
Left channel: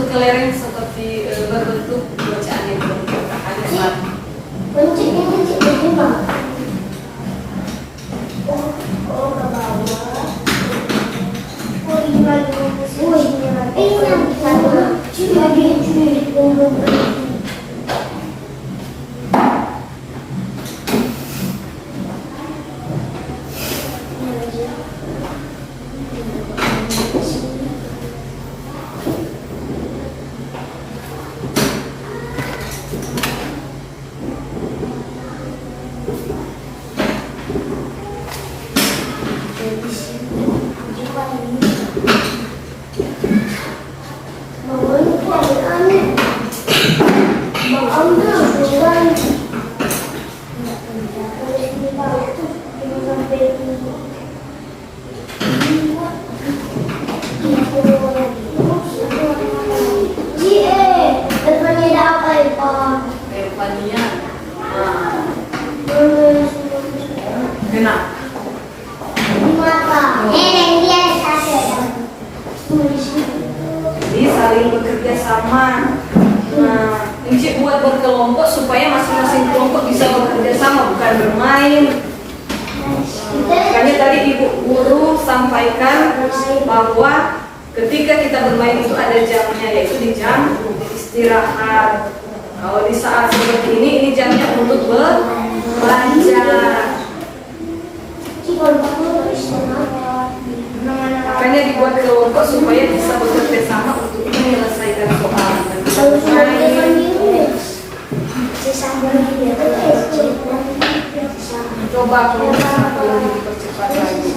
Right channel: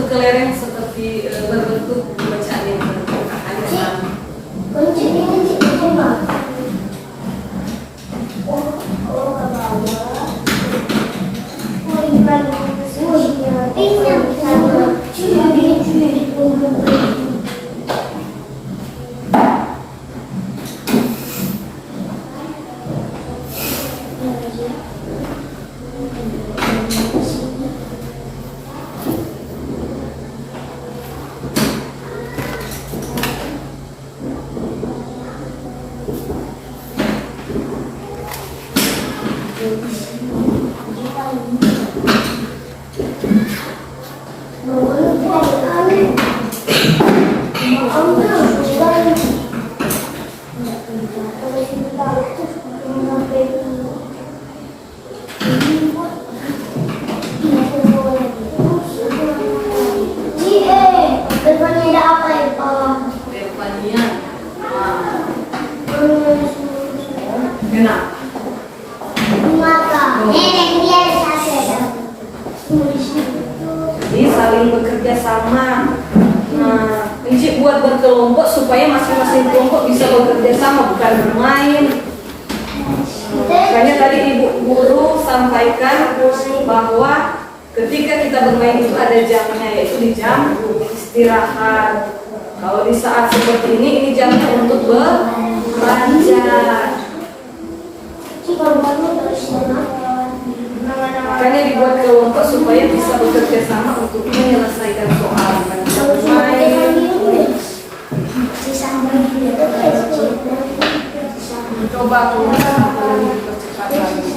kelereng seperti berbentuk bacaan yang terbuka. Hanya satu. Kuncinya coba. Oh ke bawah. Oh iya, ini sama. Nah, Encik buat berkelompok supaya masing-masing kelompok bisa bekerja sama, bukan bermain. Makanya tadi Ibu Guru sampaikan bahwa ketika kita bermain itu ada jamnya, yaitu di jam istirahat. Kalau di saat seperti ini jamnya untuk belajar. Makanya dibuat kelompok supaya bisa bekerja sama untuk menyelesaikan soal. Coba aku dipercepat lagi.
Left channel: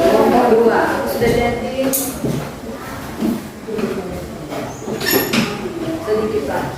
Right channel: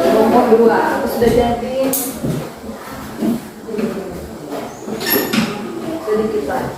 Nomor 2 aku sudah jadi. Sedikit lagi.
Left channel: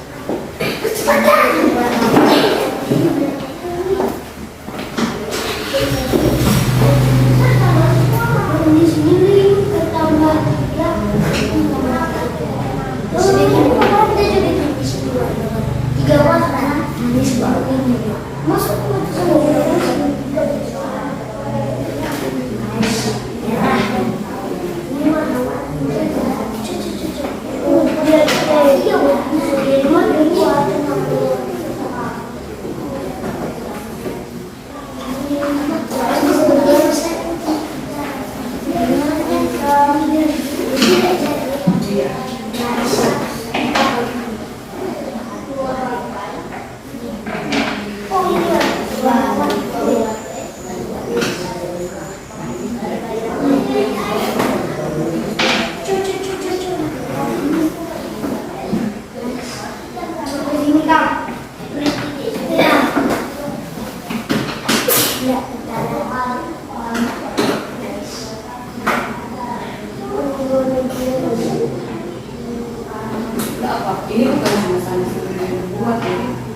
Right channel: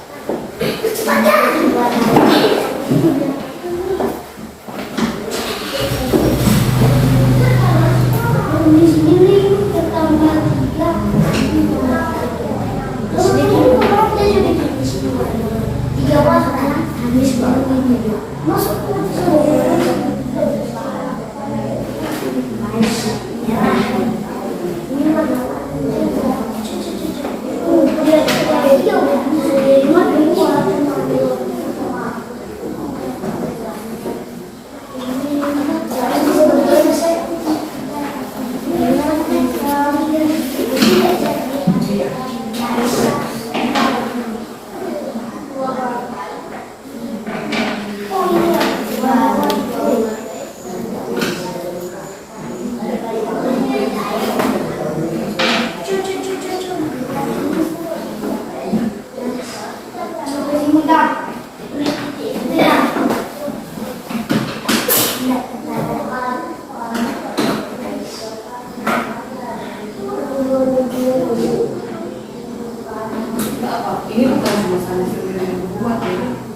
Ini bukan masalah sebenarnya buat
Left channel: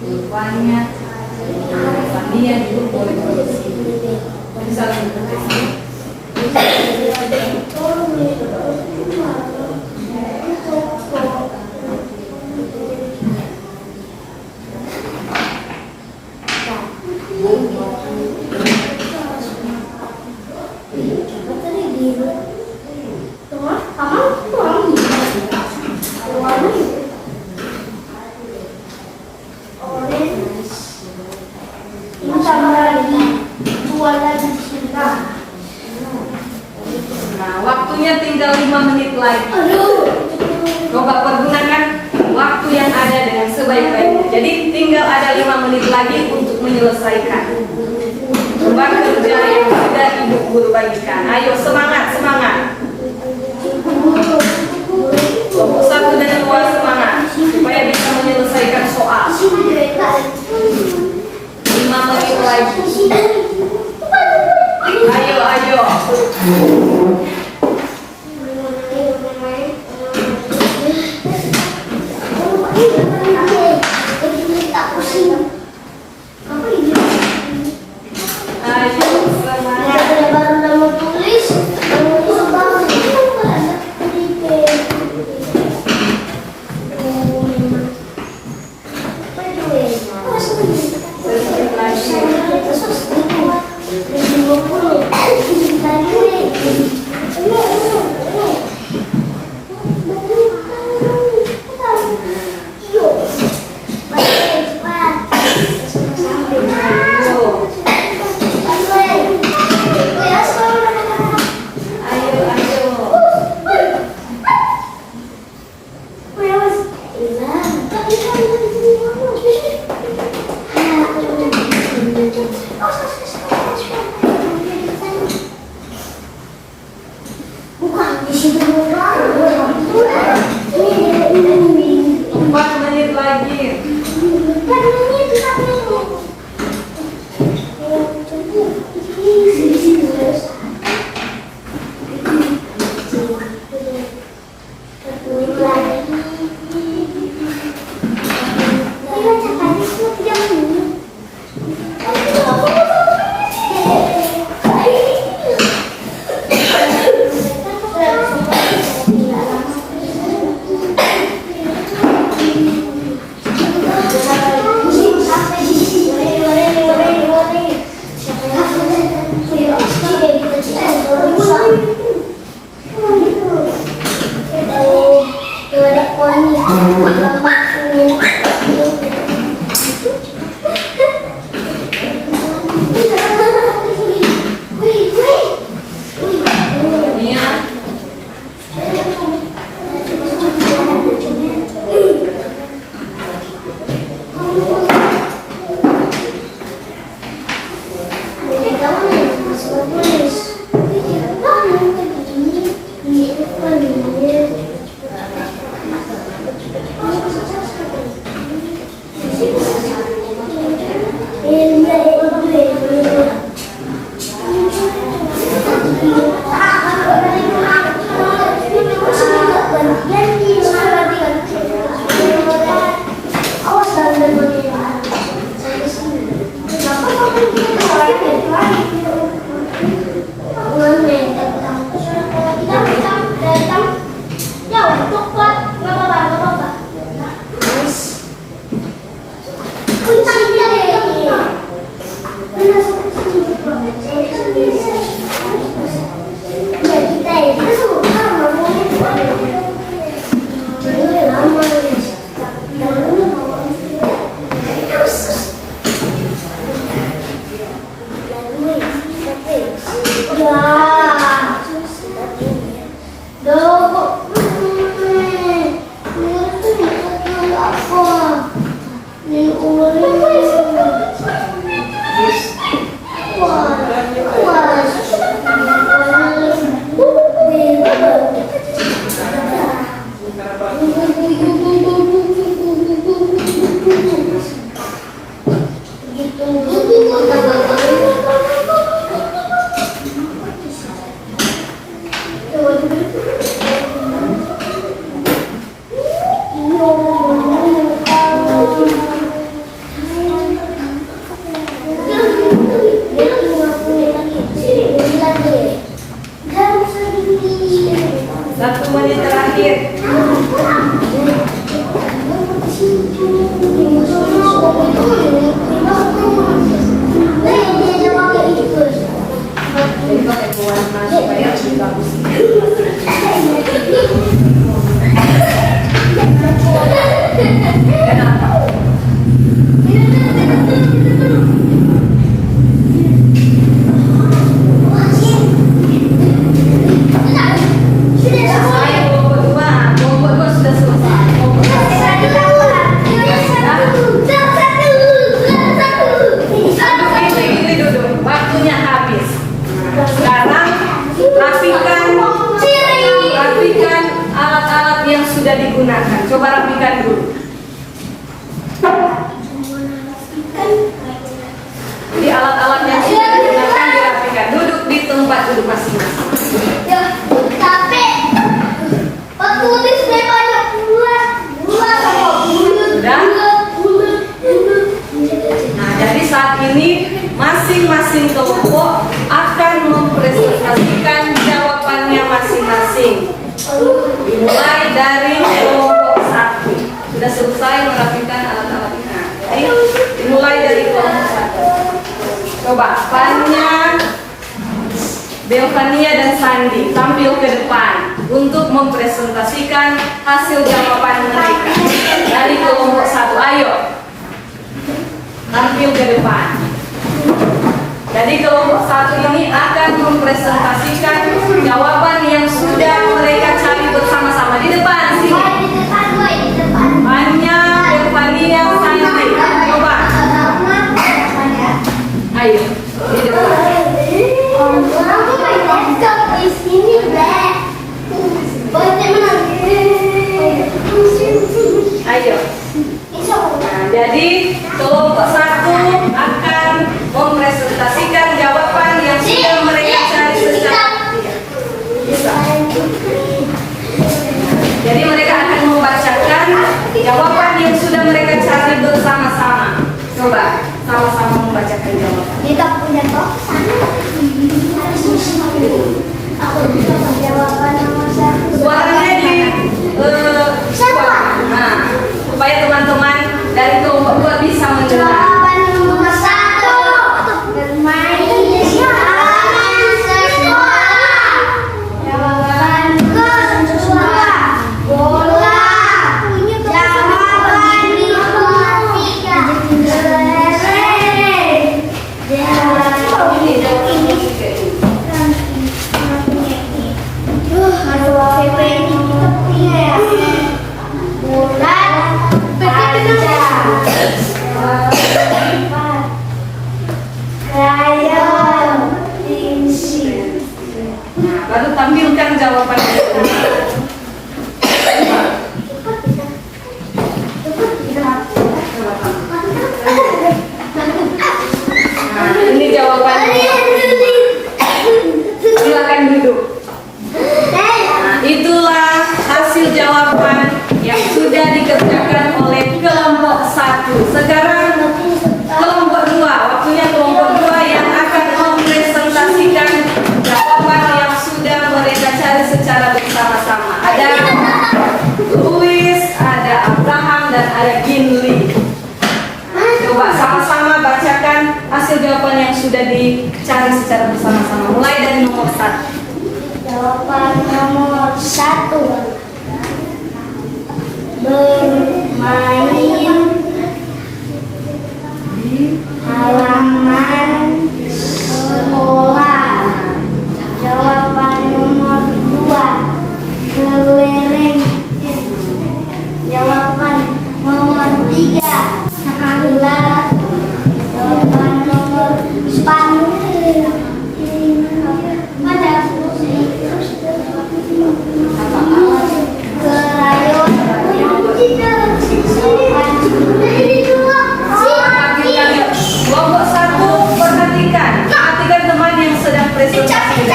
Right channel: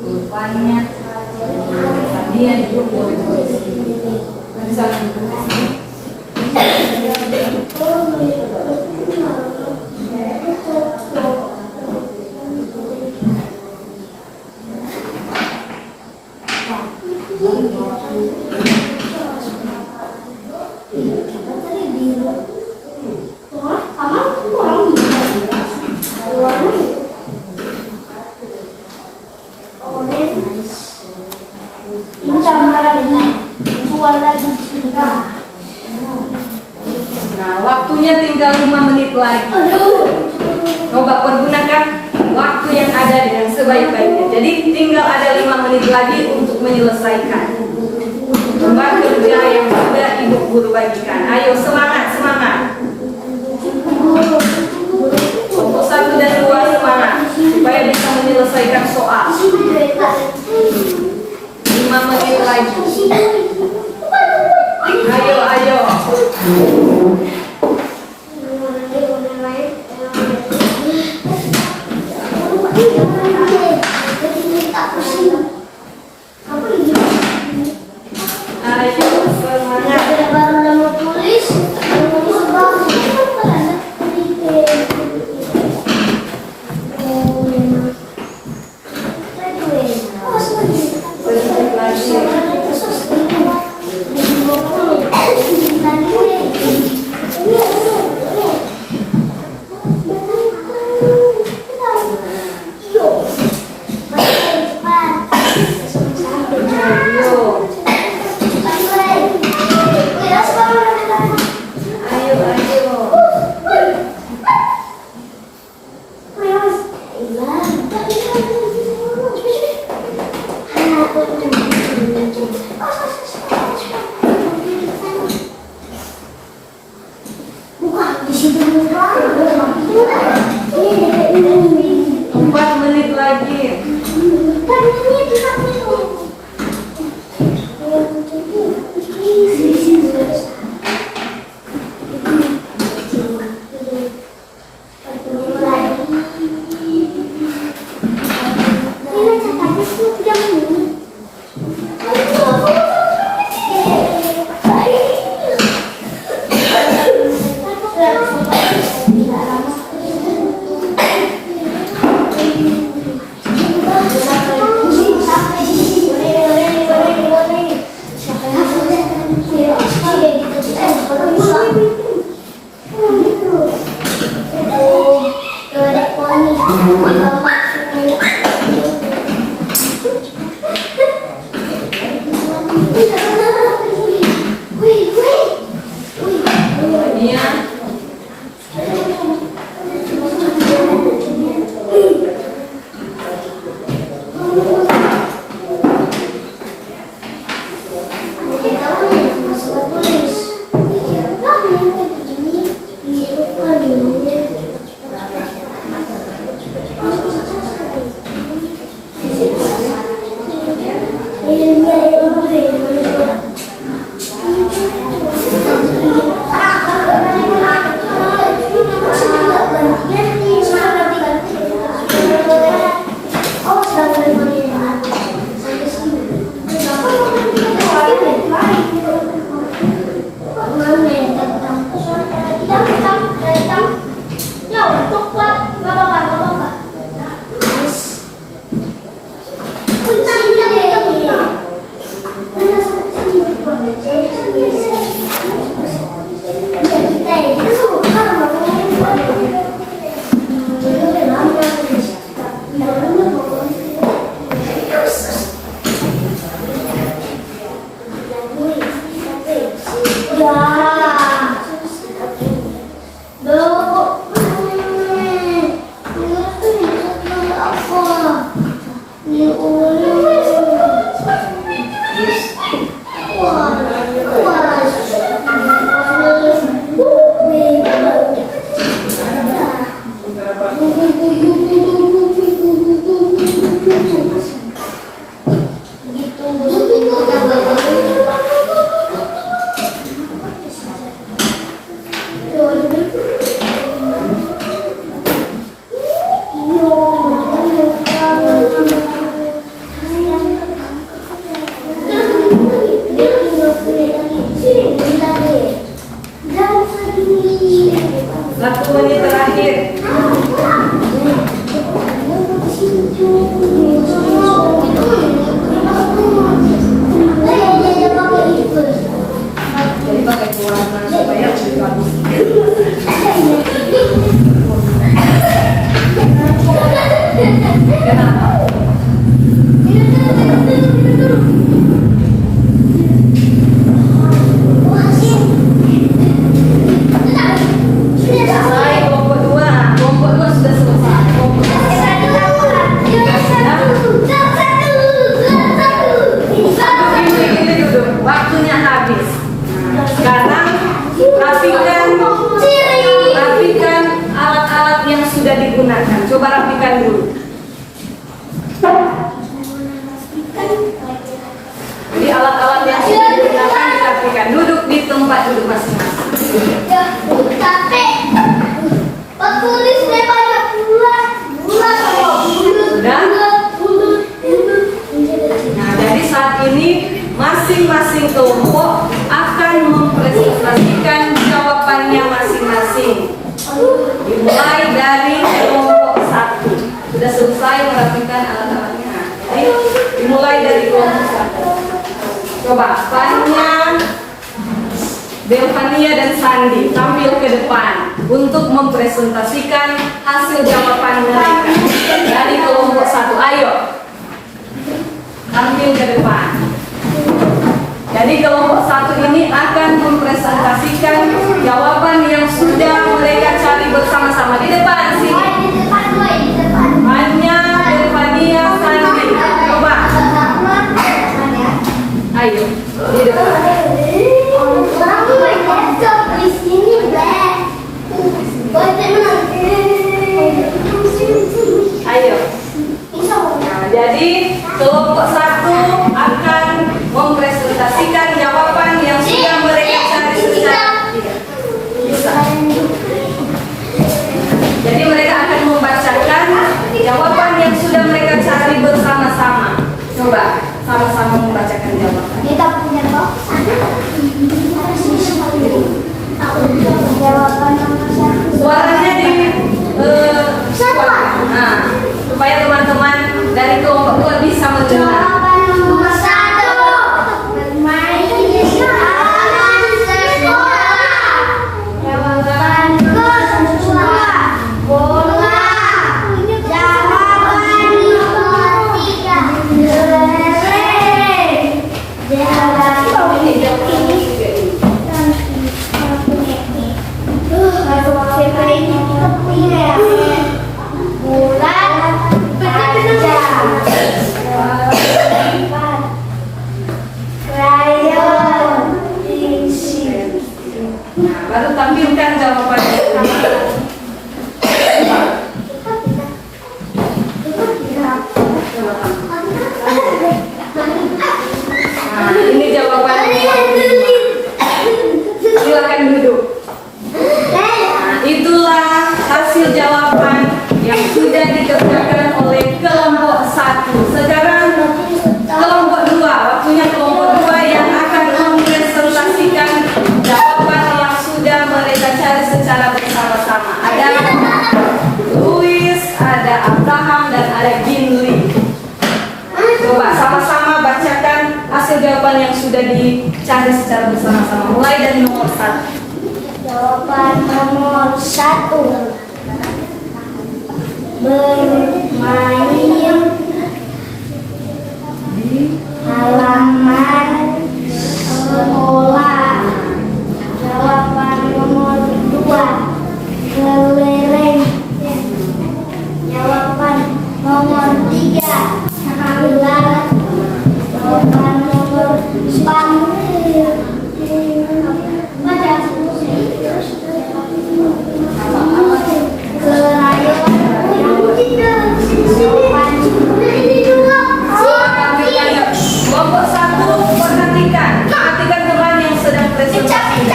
rupanya dia juga boleh misalnya waktunya tinggal 5 menit lagi. Coba pergunakan waktu yang ada dengan sebaik-baiknya. Jadi tinggal ada 5 menit lagi untuk menyelesaikan lembar kerja yang sudah Ibu Guru bagikan. Ayo semangat, semangat. Kelompok 1 dan 2 semangat supaya bisa menyelesaikan soal. 5 menit lagi. Ayo, ayo. Satu menit terakhir. Jadi pakai warna supaya lebih bagus. Kenapa? Kelompok dua sudah selesai. Ini duduk. Waktunya habis. Sekarang rapikan alat-alat yang sudah digunakan. Coba rapikan dulu. Jadi alat-alat yang sudah digunakan dirapikan. Duduk di tempat duduk masing-masing. Nah, dari saat ini masing-masing kelompok akan mempresentasikan jawabannya masing-masing. Dimulai dari kelompok 1. Sudah selesai merapikan alat-alatnya. Jadi dimulai dari kelompok 1. Coba Fania, Belvania dan Sandi tampil ke depan untuk mempresentasikan hasil jawaban mereka dari kelompok 1. Ayo, tampil ke depan. Jadi kelompok 1 ini akan mempresentasikan jawaban yang sudah mereka cari bersama-sama di depan sini. Fania, Belvania, Sandi, coba. Ayo, di depan. Ayo. Nah, jadi kelompok 1 akan mempresentasikan jawaban yang sudah mereka cari secara bisa. Jadi mereka akan membacakan jawaban yang sudah mereka cari bersama-sama. Coba sama-sama membacakan jawaban. Kita punya jawaban nomor 1. Suaranya di nah, supaya teman-teman dari kelompok 2 bisa mendengar. Jawaban nomor 1. Bermain di halaman sekolah. Jawaban kedua. Bola. Jawaban nomor 3. Krayon, tampilkan jawabannya. Nah, ini jawabannya. Silakan duduk. Nah, itulah hasil jawaban yang sudah dikerjakan oleh kelompok 1. Sekarang kelompok 2. Waktunya kelompok 2 yang akan mempresentasikan jawaban yang sudah mereka cari secara bersama-sama. Ada Louis, ada Abraham, dan ada Ginli. Coba sama-sama bacakan hasil jawaban yang sudah dicari secara bersama-sama. Mulai dari nomor 1. Jawaban nomor 1. Bermain halaman sekolah. Jawaban nomor 2. Keliling. Jawaban nomor 3. Ular. Jawaban nomor 4. Kelompok 1 perhatikan teman yang sedang presentasi.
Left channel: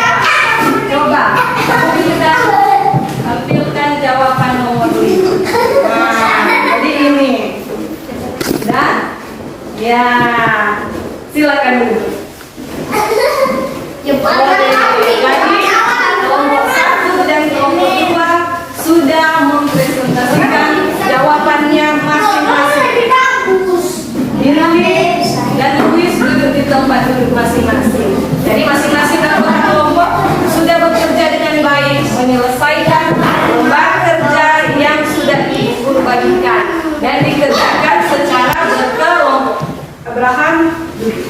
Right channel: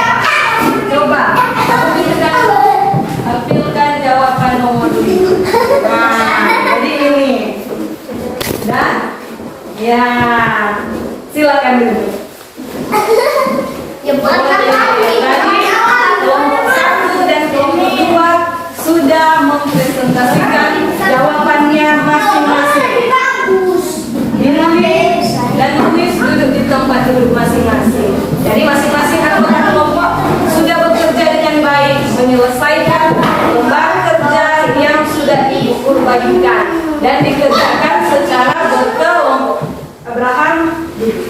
Coba tampilkan jawaban nomor 5. Nah, jadi ini. Dan ya, silakan dulu. Kelompok 1 dan kelompok 2 sudah mempresentasikan jawabannya masing-masing. Ini dan Luis duduk di tempat duduk masing-masing. Jadi masing-masing anggota kelompok sudah bekerja dengan baik menyelesaikan lembar kerja yang sudah Ibu Guru bagikan dan dikerjakan secara berkelompok. Abraham duduk.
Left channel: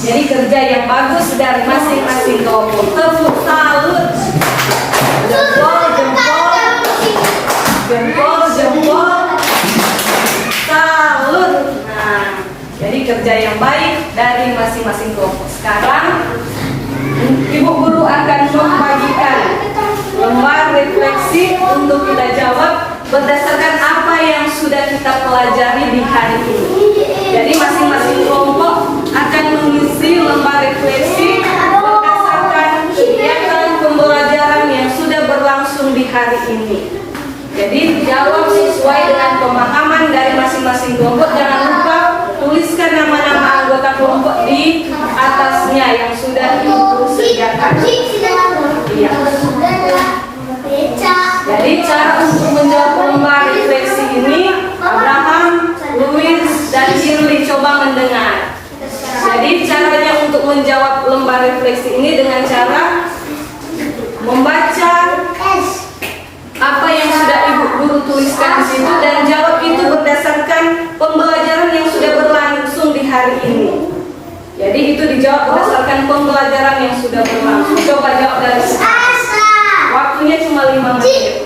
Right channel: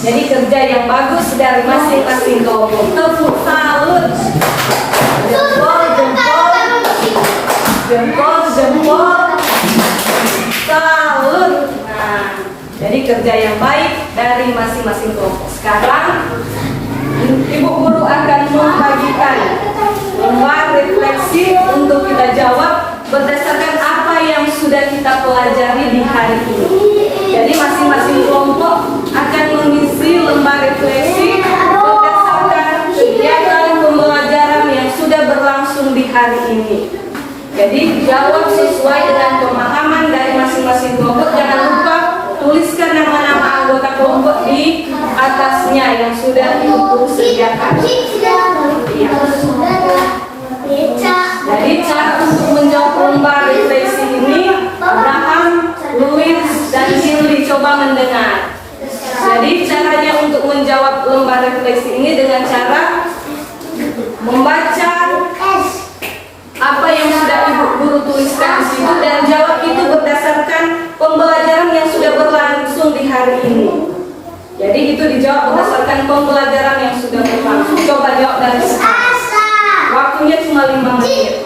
Jadi kerja yang bagus dari masing-masing kelompok. Tepuk salut. Jempol, jempol, jempol, jempol. Salut. Nah, jadi kerja yang baik dari masing-masing kelompok. Sekarang Ibu Guru akan membagikan lembar refleksi untuk kita jawab berdasarkan apa yang sudah kita pelajari di hari ini. Jadi masing-masing kelompok akan mengisi lembar refleksi berdasarkan kegiatan pembelajaran yang sudah berlangsung di hari ini. Jadi jawab sesuai dengan pemahaman dari masing-masing kelompok. Jangan lupa tuliskan nama-nama anggota kelompok di atasnya yang sudah Ibu Guru sediakan. Iya. Jadi cara untuk menjawab lembar refleksi ini, Abraham, Louis, dan Shirley coba mendengar. Jadi caranya untuk menjawab lembar refleksi ini dengan cara membaca apa yang sudah Ibu Guru tuliskan di situ dan jawab itu berdasarkan pembelajaran yang sudah berlangsung di hari ini. Jadi itu dijawab berdasarkan pembelajaran yang sudah berlangsung. Coba jawab dari sekarang. Waktunya cuma 5 menit.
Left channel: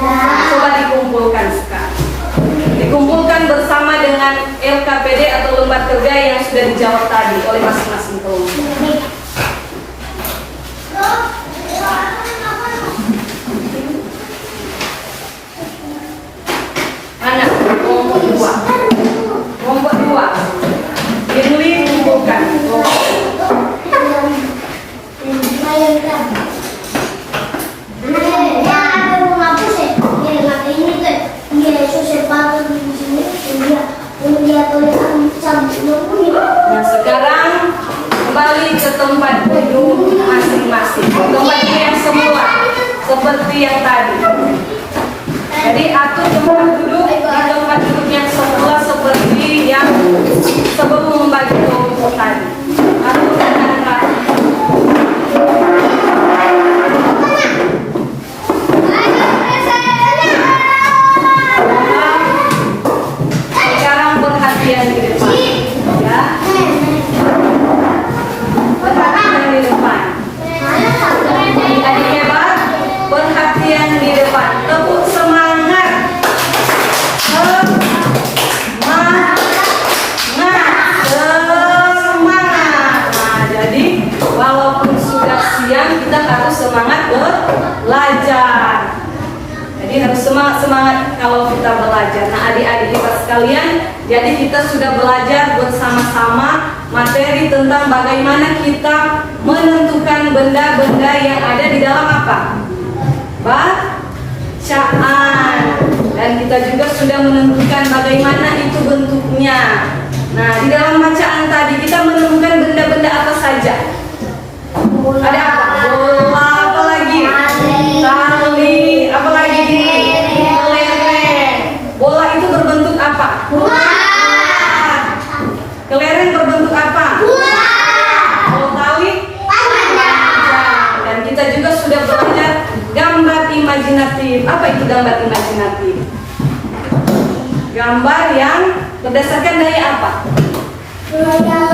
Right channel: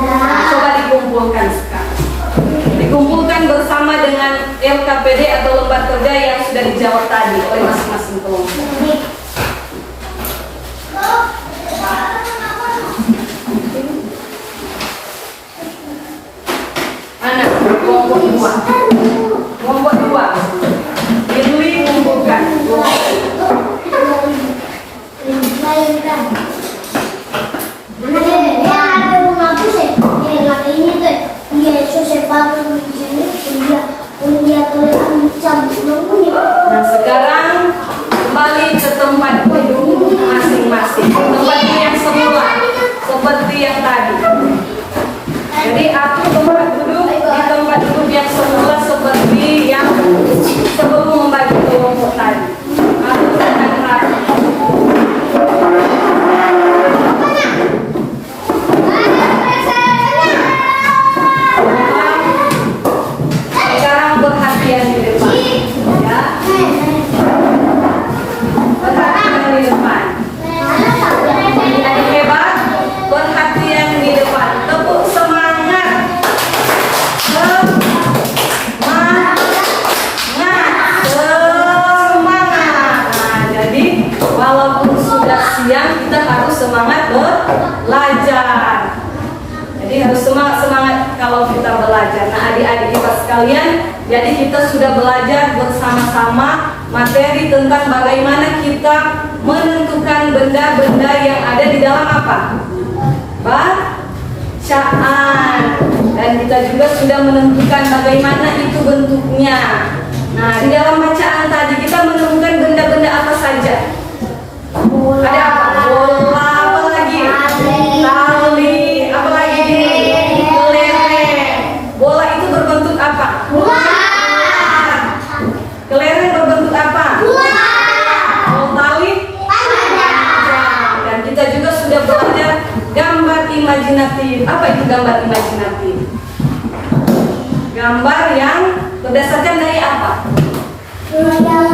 Coba dikumpulkan sekarang. Dikumpulkan bersama dengan LKPD atau lembar kerja yang sudah dijawab tadi oleh masing-masing kelompok. Mana? Kelompok 2. Kelompok 2. Gili kumpulkan. Nah sekarang kembali ke tempat duduk masing-masing. Tempat duduk yang semula seperti yang tadi. Jadi atur tempat duduk di tempat duduk yang semula seperti yang sebelum membagi kelompok tadi. Atur dengan rapi. Sekarang perhatian di depan, ya. Perhatian di depan. Adik hebat, perhatian di depan. Tepuk semangat. Semangat. Semangat. Nah, jadi walaupun sudah siang kita harus semangat belajar. Jadi harus semangat kalau kita belajar. Nah adik-adik kita sekalian, jadi kita sudah belajar bersama-sama materi tentang bagaimana kita menentukan benda-benda yang ada di dalam apa? Bacaan. Dan kita juga sudah menentukan bagaimana itu bentuknya. Nah di dalam bacaan tadi kita menemukan benda-benda apa saja? Ada apa? Bola, apa lagi? Tali, apa lagi? Kelereng. Bola itu berbentuk apa? Kelereng berbentuk apa? Kalau tali? Dan kita juga sudah belajar gambar imajinatif. Apa itu gambar imajinatif? Gambar yang berdasarkan daya apa?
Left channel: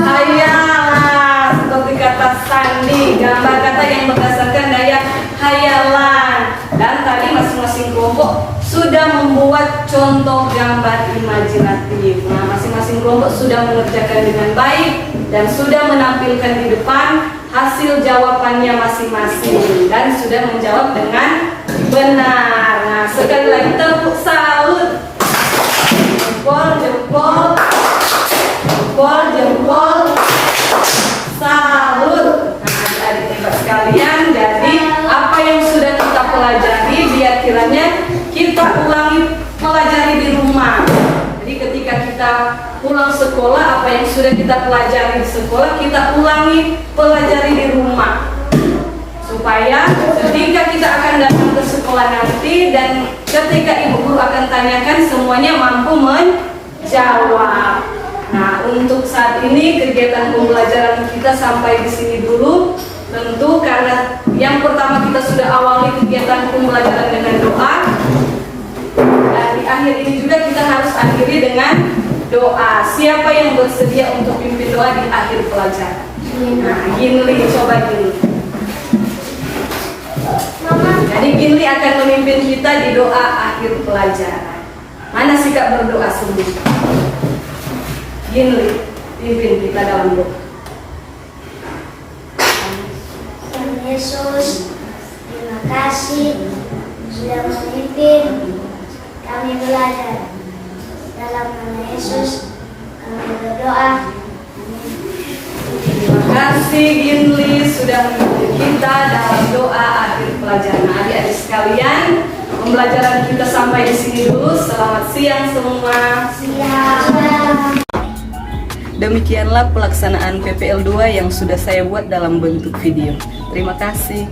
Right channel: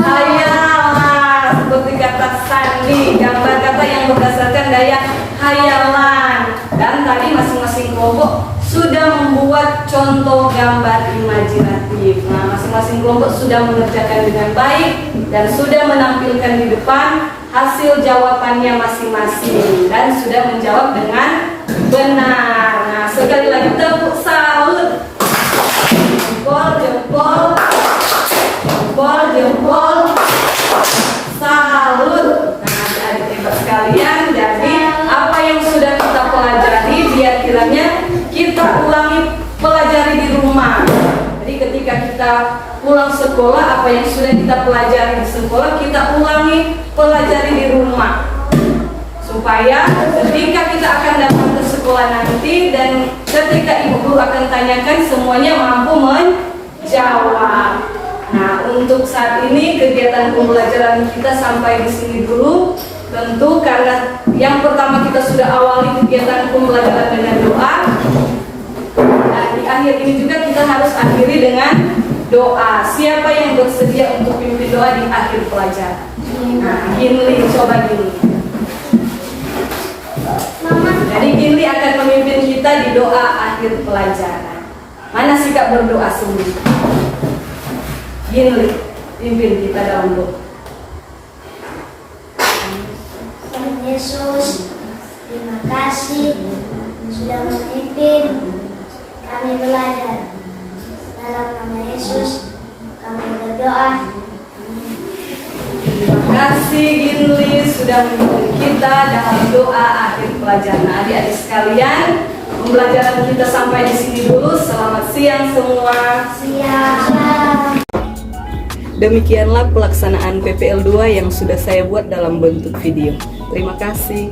Hayalan. Seperti kata Sandi, gambar kata yang berdasarkan daya hayalan. Dan tadi masing-masing kelompok sudah membuat contoh gambar imajinatif. Nah, masing-masing kelompok sudah mengerjakan dengan baik dan sudah menampilkan di depan hasil jawabannya masing-masing dan sudah menjawab dengan benar. Nah, sekali lagi tepuk salut. Jempol, jempol, jempol, jempol. Salut. Nah, adik-adik hebat sekalian, jadi apa yang sudah kita pelajari biar kiranya kita ulangi pelajari di rumah. Jadi ketika kita pulang sekolah, apa yang sudah kita pelajari di sekolah kita ulangi pelajari di rumah. Supaya ketika kita akan datang ke sekolah nanti dan ketika ibu guru akan tanyakan semuanya mampu menjawab. Nah, untuk saat ini kegiatan pembelajaran kita sampai di sini dulu. Tentu karena yang pertama kita sudah awali kegiatan pembelajaran dengan doa. Dan di akhir ini juga kita harus akhiri dengan doa. Siapa yang bersedia untuk pimpin doa di akhir pelajaran? Nah, Ginli, coba Ginli. Jadi Ginli akan memimpin kita di doa akhir pelajaran. Mana sikap berdoa sungguh? Ginli, pimpin kita dalam doa. Tuhan Yesus, terima kasih sudah memimpin kami belajar. Dalam nama Yesus kami berdoa. Terima kasih Ginli sudah memimpin kita dalam doa akhir pelajaran. Nah, adik-adik sekalian, pembelajaran kita sampai di sini dulu. Selamat siang semua. Siap. Demikianlah pelaksanaan PPL 2 yang sudah saya buat dalam bentuk video. Terima kasih.